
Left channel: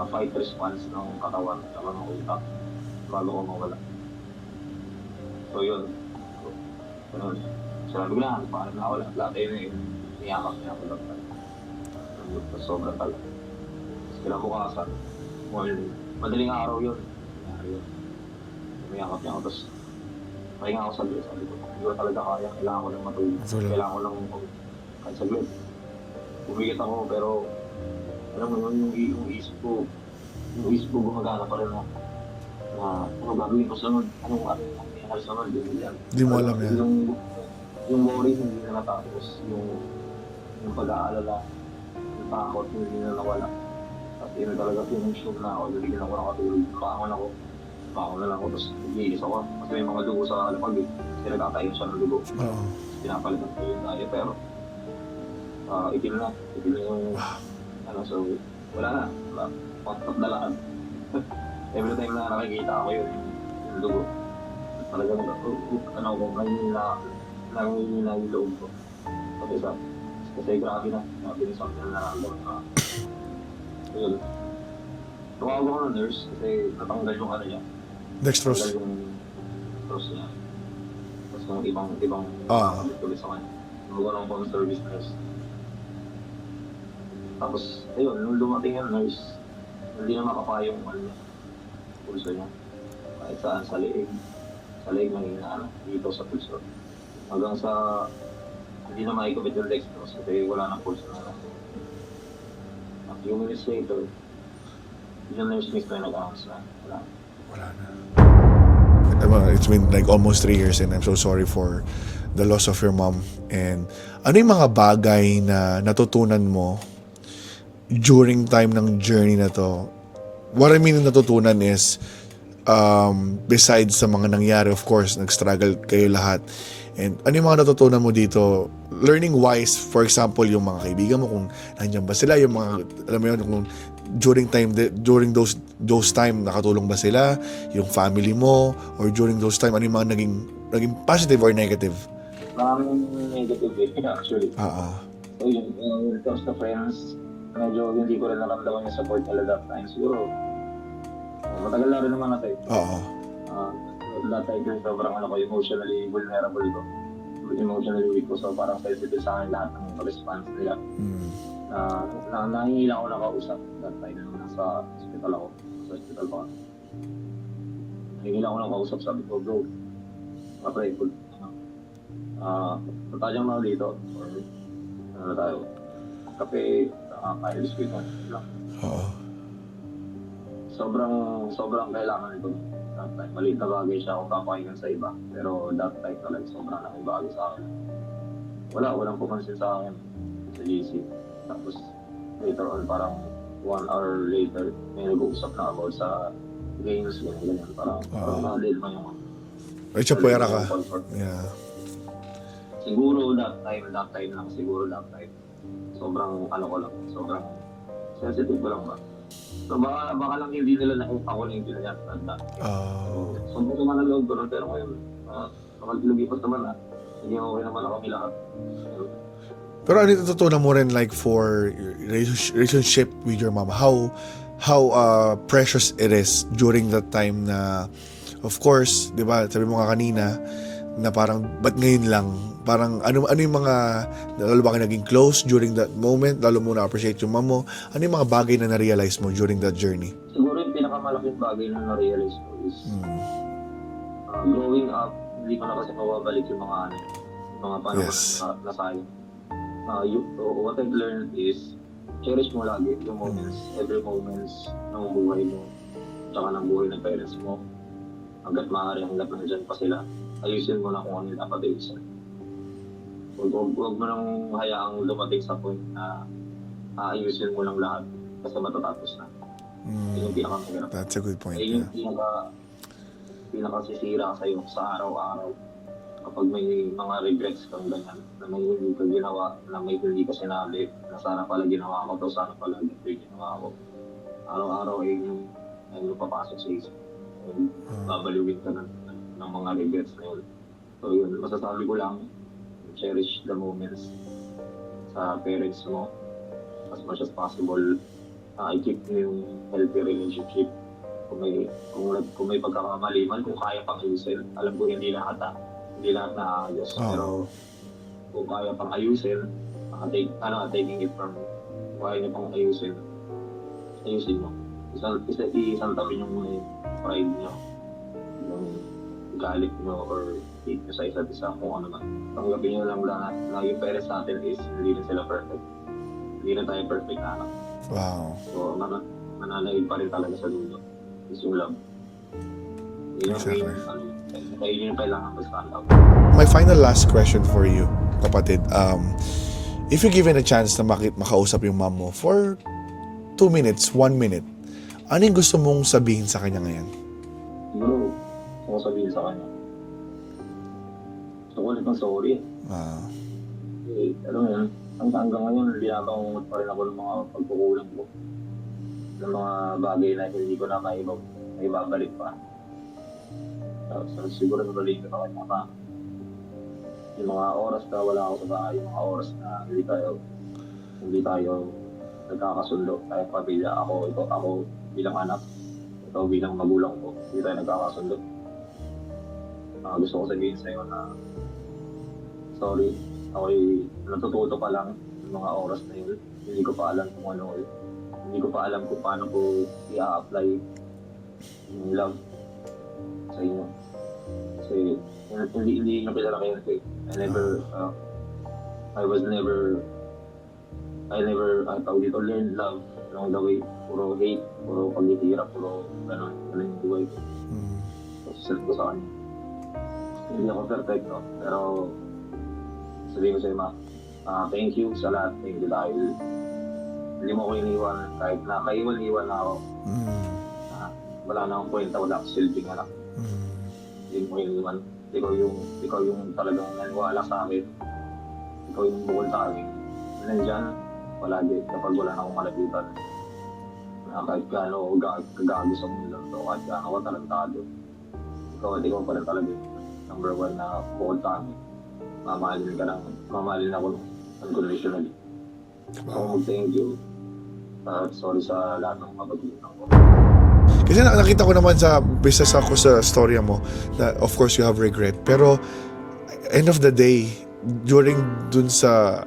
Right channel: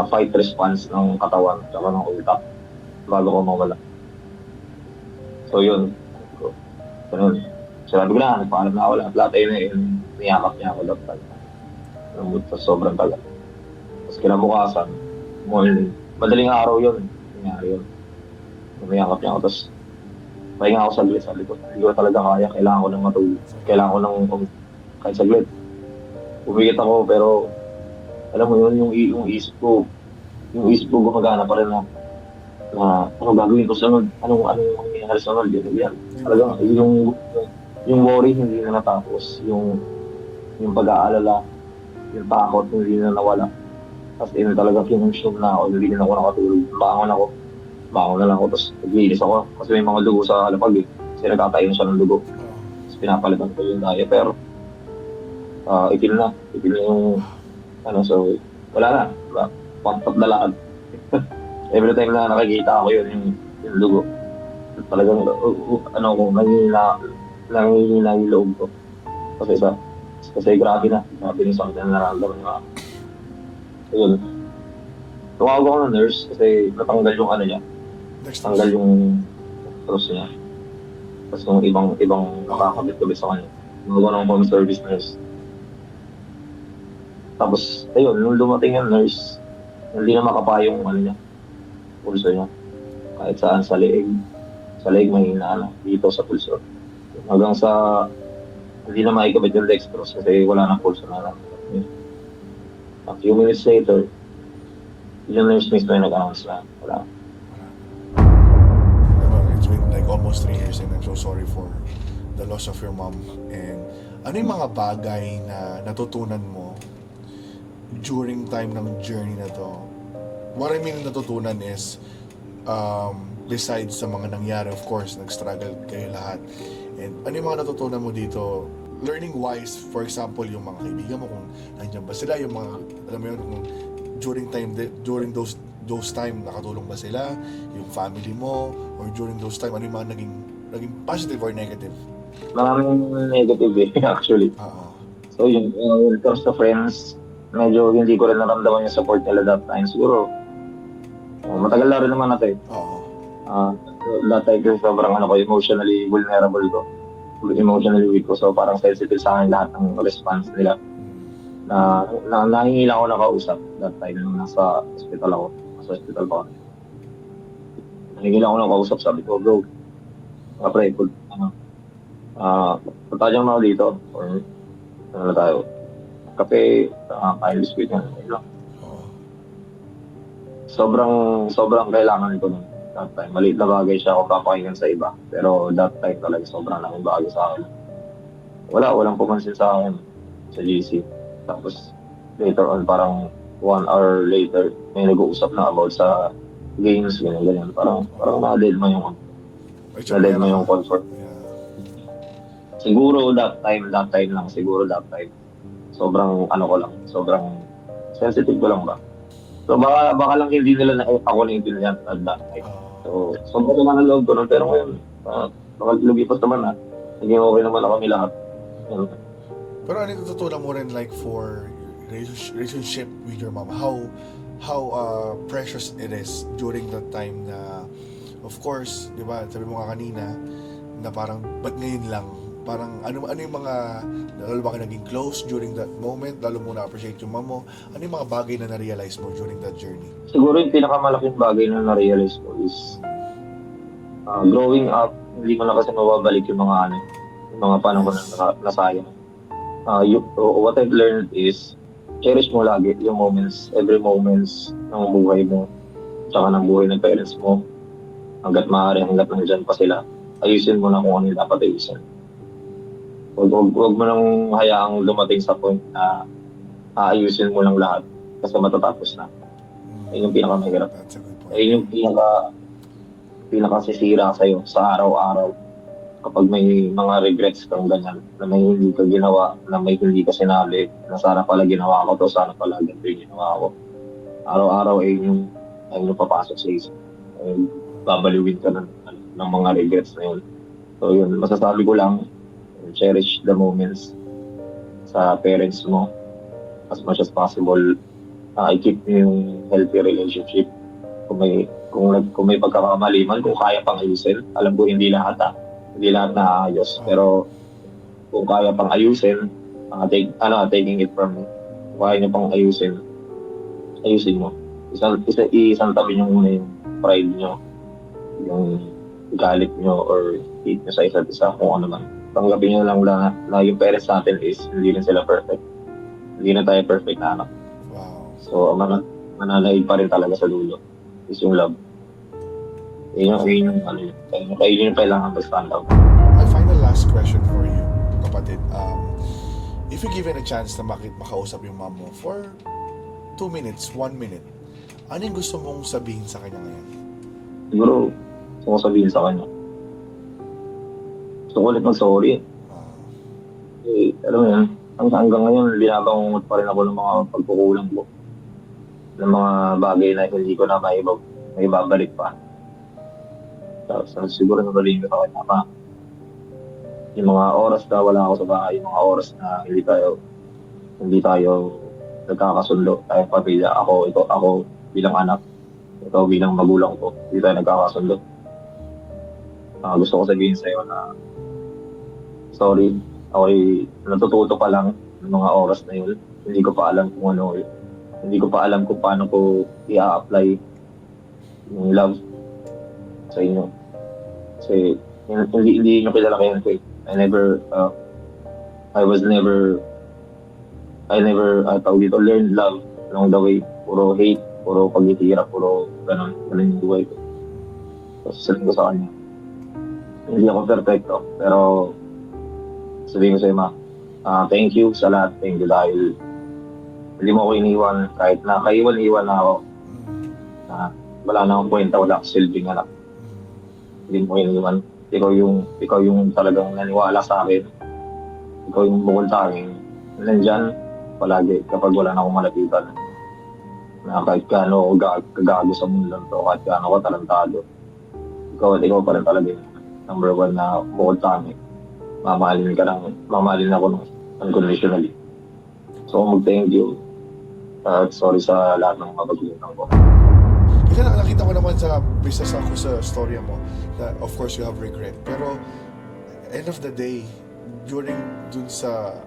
fight response ng katawan at ng utak bago ko mawala. So yun. Ganun. Sabi ko na, nagpaalam na ako lahat ayun eh. Niyakap niya ako lahat tayo. Sobrang tagal. Tapos kinabukasan, morning. Madaling araw yun. Nangyari yun. Niyakap niya ako. Tapos pahinga ako saglit. Sabi ko, hindi ko talaga kaya. Kailangan ko ng matulog. Kailangan ko ng kahit saglit. Umigit ako pero alam mo yun, yung isip ko gumagana pa rin na ano gagawin ko sunod, anong mangyayari sunod, yan. Yung worry hindi na natapos, yung pag-aalala, yung takot hindi na nawala. Tapos talaga kinonsume na ako, hindi na ako nakatulog. Bangon na lang ako, tapos naglilis ako kasi may mga dugo sa alapag eh. Kasi nagkatayon siya ng dugo. Tapos pinapalitan ko yung diet pero itim na yung so wala na, pantap na lakad. Every time na nakikita ako yun yung dugo, talagang nangihina yung loob ko kasi grabe na yung sakit na nararamdaman na yun. tumawag ako ng nurse kasi natanggal yung ano niya, Dextrose. tanggal yung cross niya. Tapos yung ibang nakakabit-kabit sa kanya. Tumawag ng home service nurse. Tapos, ayun, nung dumating yung nurse, hindi na makapayong ano niya, pulso niya. Kahit saan sa leeg. Sa leeg may inaano, dito sa pulso. Hanggang sa, hindi na maikabit yung dextrose kasi wala nang pulso na lang. A few minutes later, yung nurse mismo yung nag-announce na wala. Wala na. It's been like almost 3 years and I'm so sorry for the loss of your mom. And ano yung mga bagay na natutunan mo during time ng journey na to? What I mean natutunan is, besides sa mga nangyari, of course, nag-struggle kayo lahat. And ano yung mga natutunan mo dito? Learning wise, for example, yung mga kaibigan mo, kung nandiyan ba sila, yung mga, alam mo yun, kung during those time, nakatulong ba sila, yung family mo, or during those time, ano yung mga naging positive or negative? Maraming negative actually. Oo. So yun, when it comes to friends, medyo hindi ko rin naramdaman yung support nila that time. Siguro, matagal na rin naman natin. Oo. That time kasi sobrang emotionally vulnerable ko. Emotionally weak ko. So parang sensitive sa akin lahat ng response nila. Nahingi lang ako nakausap that time nung nasa hospital ako. Nasa hospital pa ako. Nahingi lang ako nakausap. Sabi ko, bro, pre, punta dyan ako dito. Or ano na tayo. Kape, kain biskuit na. Oo. Sobrang kailangan ko nun. That time, maliit na bagay siya kung papakinggan sa iba. Pero that time talaga, sobrang laking bagay sa akin. Walang pumansin sa akin sa GC. Tapos, later on, parang 1 hour later, may nag-uusap na about sa games, ganyan. Parang na-dead mo yung Pwera ka. comfort. Yeah. Siguro that time lang. Sobrang sobrang sensitive ko lang ba. So baka lang hindi nila na ako na hindi nila at that time. So sobrang naman ang loob ko nun. Pero ngayon, lumipas naman na. Naging okay naman ako kami lahat. Pero ano natutunan mo rin like for relationship with your mom? How precious it is during that time na, of course, di ba, sabi mo nga kanina, na parang, ba't ngayon lang? Parang, ano yung mga, lalo ba kayo naging close during that moment? Lalo mo na-appreciate yung mom mo? Ano yung mga bagay na na-realize mo during that journey? Siguro yung pinakamalaking bagay na na-realize ko is, growing up, hindi ko na kasi mababalik yung mga panahon na nasayang. What I've learned is, cherish mo lagi yung moments, every moments ng buhay mo, tsaka ng buhay ng parents mo, hanggat maaari, hanggat nandyan pa sila. Ayusin mo na kung ano yung dapat ayusin. Huwag mo nang hayaang dumating sa point na aayusin mo lang lahat kasi matatapos na. Ayun yung pinakamahirap. That's a good point. Ayun yung pinakasisira sa'yo sa araw-araw. Kapag may mga regrets kang ganyan, na may hindi ka ginawa, na may hindi ka sinabi, na sana pala ginawa ko to, sana pala ganito yung ginawa ko. Araw-araw ay yung papasok sa isip. Babaliwin ka ng mga regrets na yun. So yun, masasabi ko lang, cherish the moments sa parents mo as much as possible. I-keep yung healthy relationship. Kung may pagkakamali man, kung kaya pang ayusin, alam ko hindi lahat na ayos. Pero kung kaya pang ayusin, taking it from me. Kung kaya niyo pang ayusin mo. Isang tabi niyo muna yung pride niyo, yung galit niyo or hate niyo sa isa't isa, kung ano man. Tanggapin niyo lang na yung parents natin is hindi rin sila perfect. Hindi na tayo perfect na anak. Wow. So, mananaig pa rin talaga sa dulo is yung love. Yun yung kailangan to stand up. My final last question for you, kapatid. If you're given a chance na makausap yung mom mo for 2 minutes, 1 minute, ano yung gusto mong sabihin sa kanya ngayon? Siguro, gusto ko sabihin sa kanya. Gusto ko ulit mag-sorry. Alam mo yan, hanggang ngayon, binabangungot pa rin ako ng mga pagkukulang ko. Ng mga bagay na hindi ko na maibabalik pa. Tapos siguro nabalihin ko ako tama. Yung mga oras na wala ako sa bahay, yung mga oras na hindi tayo nagkakasundo, tayong pamilya, ako, bilang anak. Ikaw bilang magulang ko. Hindi tayo nagkakasundo. Gusto ko sabihin sa'yo na sorry, ako'y natututo pa lang ng mga oras na yun. Hindi ko pa alam kung ano eh. Hindi ko pa alam kung paano ko i-apply yung love sa inyo. Kasi hindi nyo kilala kayo ko eh. I never tawag dito, learned love along the way. Puro hate, puro pagtitira, puro ganun yung buhay ko. Tapos sabihin ko sa kanya, hindi ako perfecto, pero sabihin ko sa'yo, ma, thank you sa lahat. Thank you dahil hindi mo ako iniwan kahit na kaiwan-iwan na ako. Wala na akong kwenta, wala akong silbing anak. Hindi mo iniwan. Ikaw yung talagang naniwala sa akin. Ikaw yung bukol sa akin. Nandyan, palagi kapag wala na akong malapitan. Na kahit gaano kagago sa mundo lang to, kahit gaano ko talentado. Ikaw pa rin talaga yung number one na bukol sa akin. Mamahalin ako ng unconditionally. So, mag-thank you. Sorry sa lahat ng mga pag-iinang ko. Kasi nakita ko naman sa business ako sa storya mo na of course you have regret. Pero end of the day, during dun sa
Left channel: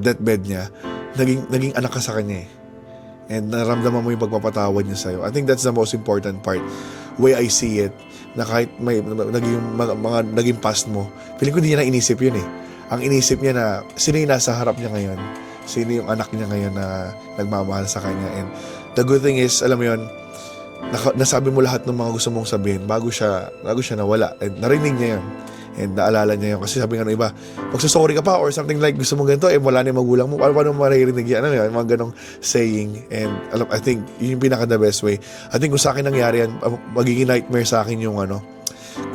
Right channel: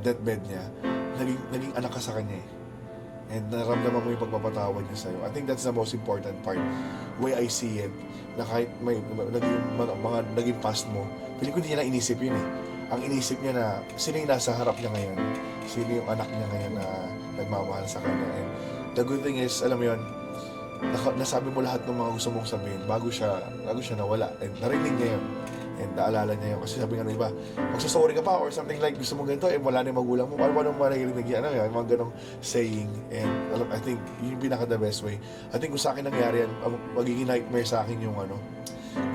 deathbed niya, naging anak ka sa kanya eh. And naramdaman mo yung pagpapatawad niya sa'yo. I think that's the most important part. Way I see it, na kahit may naging past mo, feeling ko hindi niya na inisip yun eh. Ang inisip niya na sino yung nasa harap niya ngayon, sino yung anak niya ngayon na nagmamahal sa kanya. And the good thing is, alam mo yun, nasabi mo lahat ng mga gusto mong sabihin bago siya nawala. And narinig niya yun. And naalala niya yun. Kasi sabi nga ng iba, magsasorry ka pa or something like gusto mong ganito, wala na yung magulang mo. Paano maririnig yan? Ano yun? Mga ganong saying. And I think yun yung pinaka the best way. I think kung sa akin nangyari yan, magiging nightmare sa akin yung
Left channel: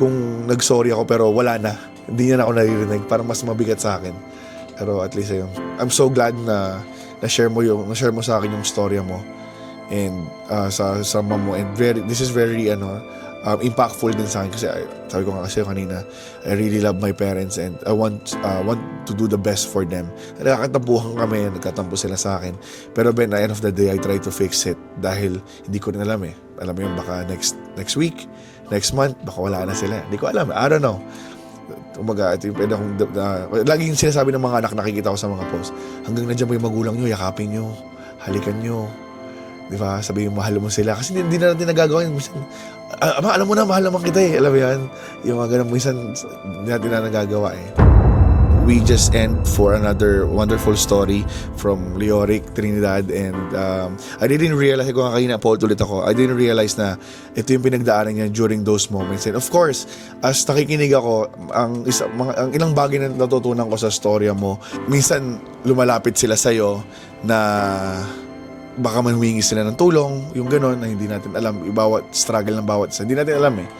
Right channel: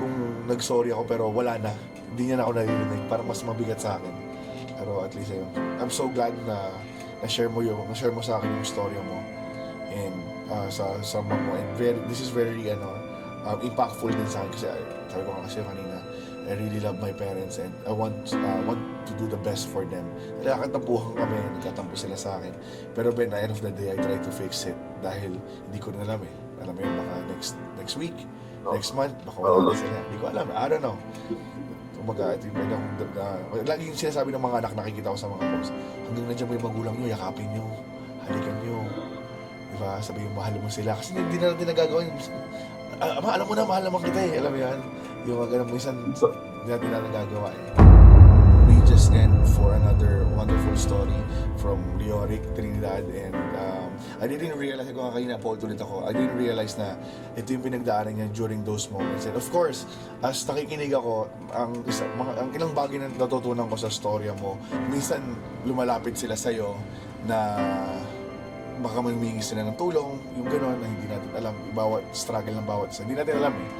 kung nag-sorry ako pero wala na. Hindi niya na ako naririnig. Parang mas mabigat sa akin. Pero at least ayun. I'm so glad na na-share mo sa akin yung storya mo. And sa mom mo. And this is very impactful din sa akin kasi sabi ko nga kasi kanina, I really love my parents and I want to do the best for them. Nagkatampuhan kami, nagkatampo sila sa akin. Pero at the end of the day, I try to fix it dahil hindi ko rin alam eh. Alam mo yun, baka next week, next month, baka wala na sila. Hindi ko alam. I don't know. Laging sinasabi ng mga anak, nakikita ko sa mga posts, hanggang nandiyan mo yung magulang nyo, yakapin nyo, halikan nyo. Di ba? Sabihin mahal mo sila. Kasi hindi na natin nagagawa yun. Minsan, alam mo na, mahal naman kita eh. Alam mo yan? Yung mga ganun, minsan, hindi natin na nagagawa eh. We just end for another wonderful story from Leoric, Trinidad. And I didn't realize, kung kanina po ulit ako, I didn't realize na ito yung pinagdaanan niya during those moments. And of course, as nakikinig ako, ang ilang bagay na natutunan ko sa storya mo, minsan lumalapit sila sa'yo na baka manhumingi sila ng tulong, yung gano'n na hindi natin alam, bawat struggle ng bawat isa, hindi natin alam eh.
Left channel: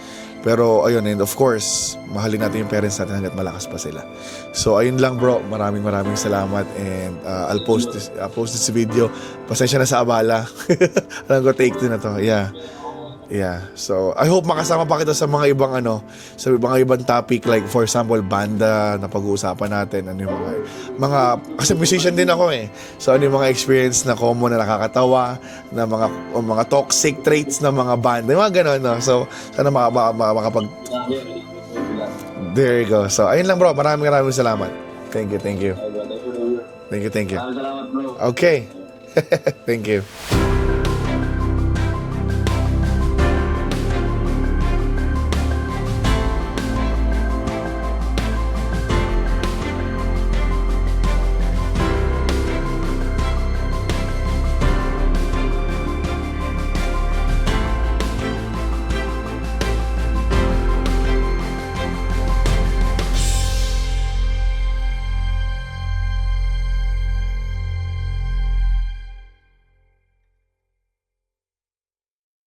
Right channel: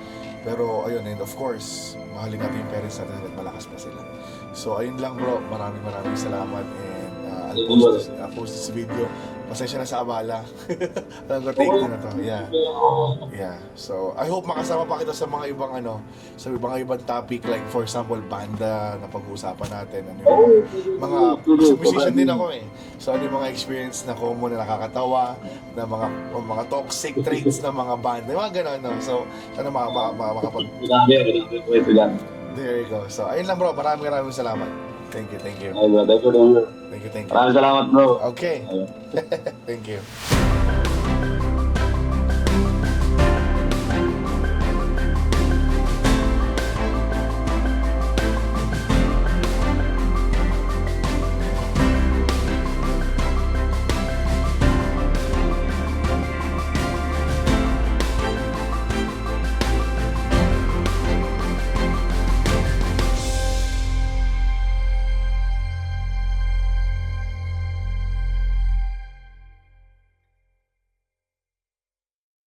Pero ayun, and of course, mahalin natin yung parents natin hanggat malakas pa sila. So ayun lang bro, maraming salamat and I'll post this video. Pasensya na sa abala. Alam ko take 2 na to. Yeah. So I hope makasama pa kita sa mga ibang sa mga ibang topic like for example banda na pag-uusapan natin, mga kasi musician din ako eh. So ano yung mga experience na common na nakakatawa, na mga toxic traits ng mga banda, mga gano'n no. So sana makapag there you go. So ayun lang bro, maraming salamat. Thank you. Thank you. Thank you. Maraming salamat bro. Okay. Thank you.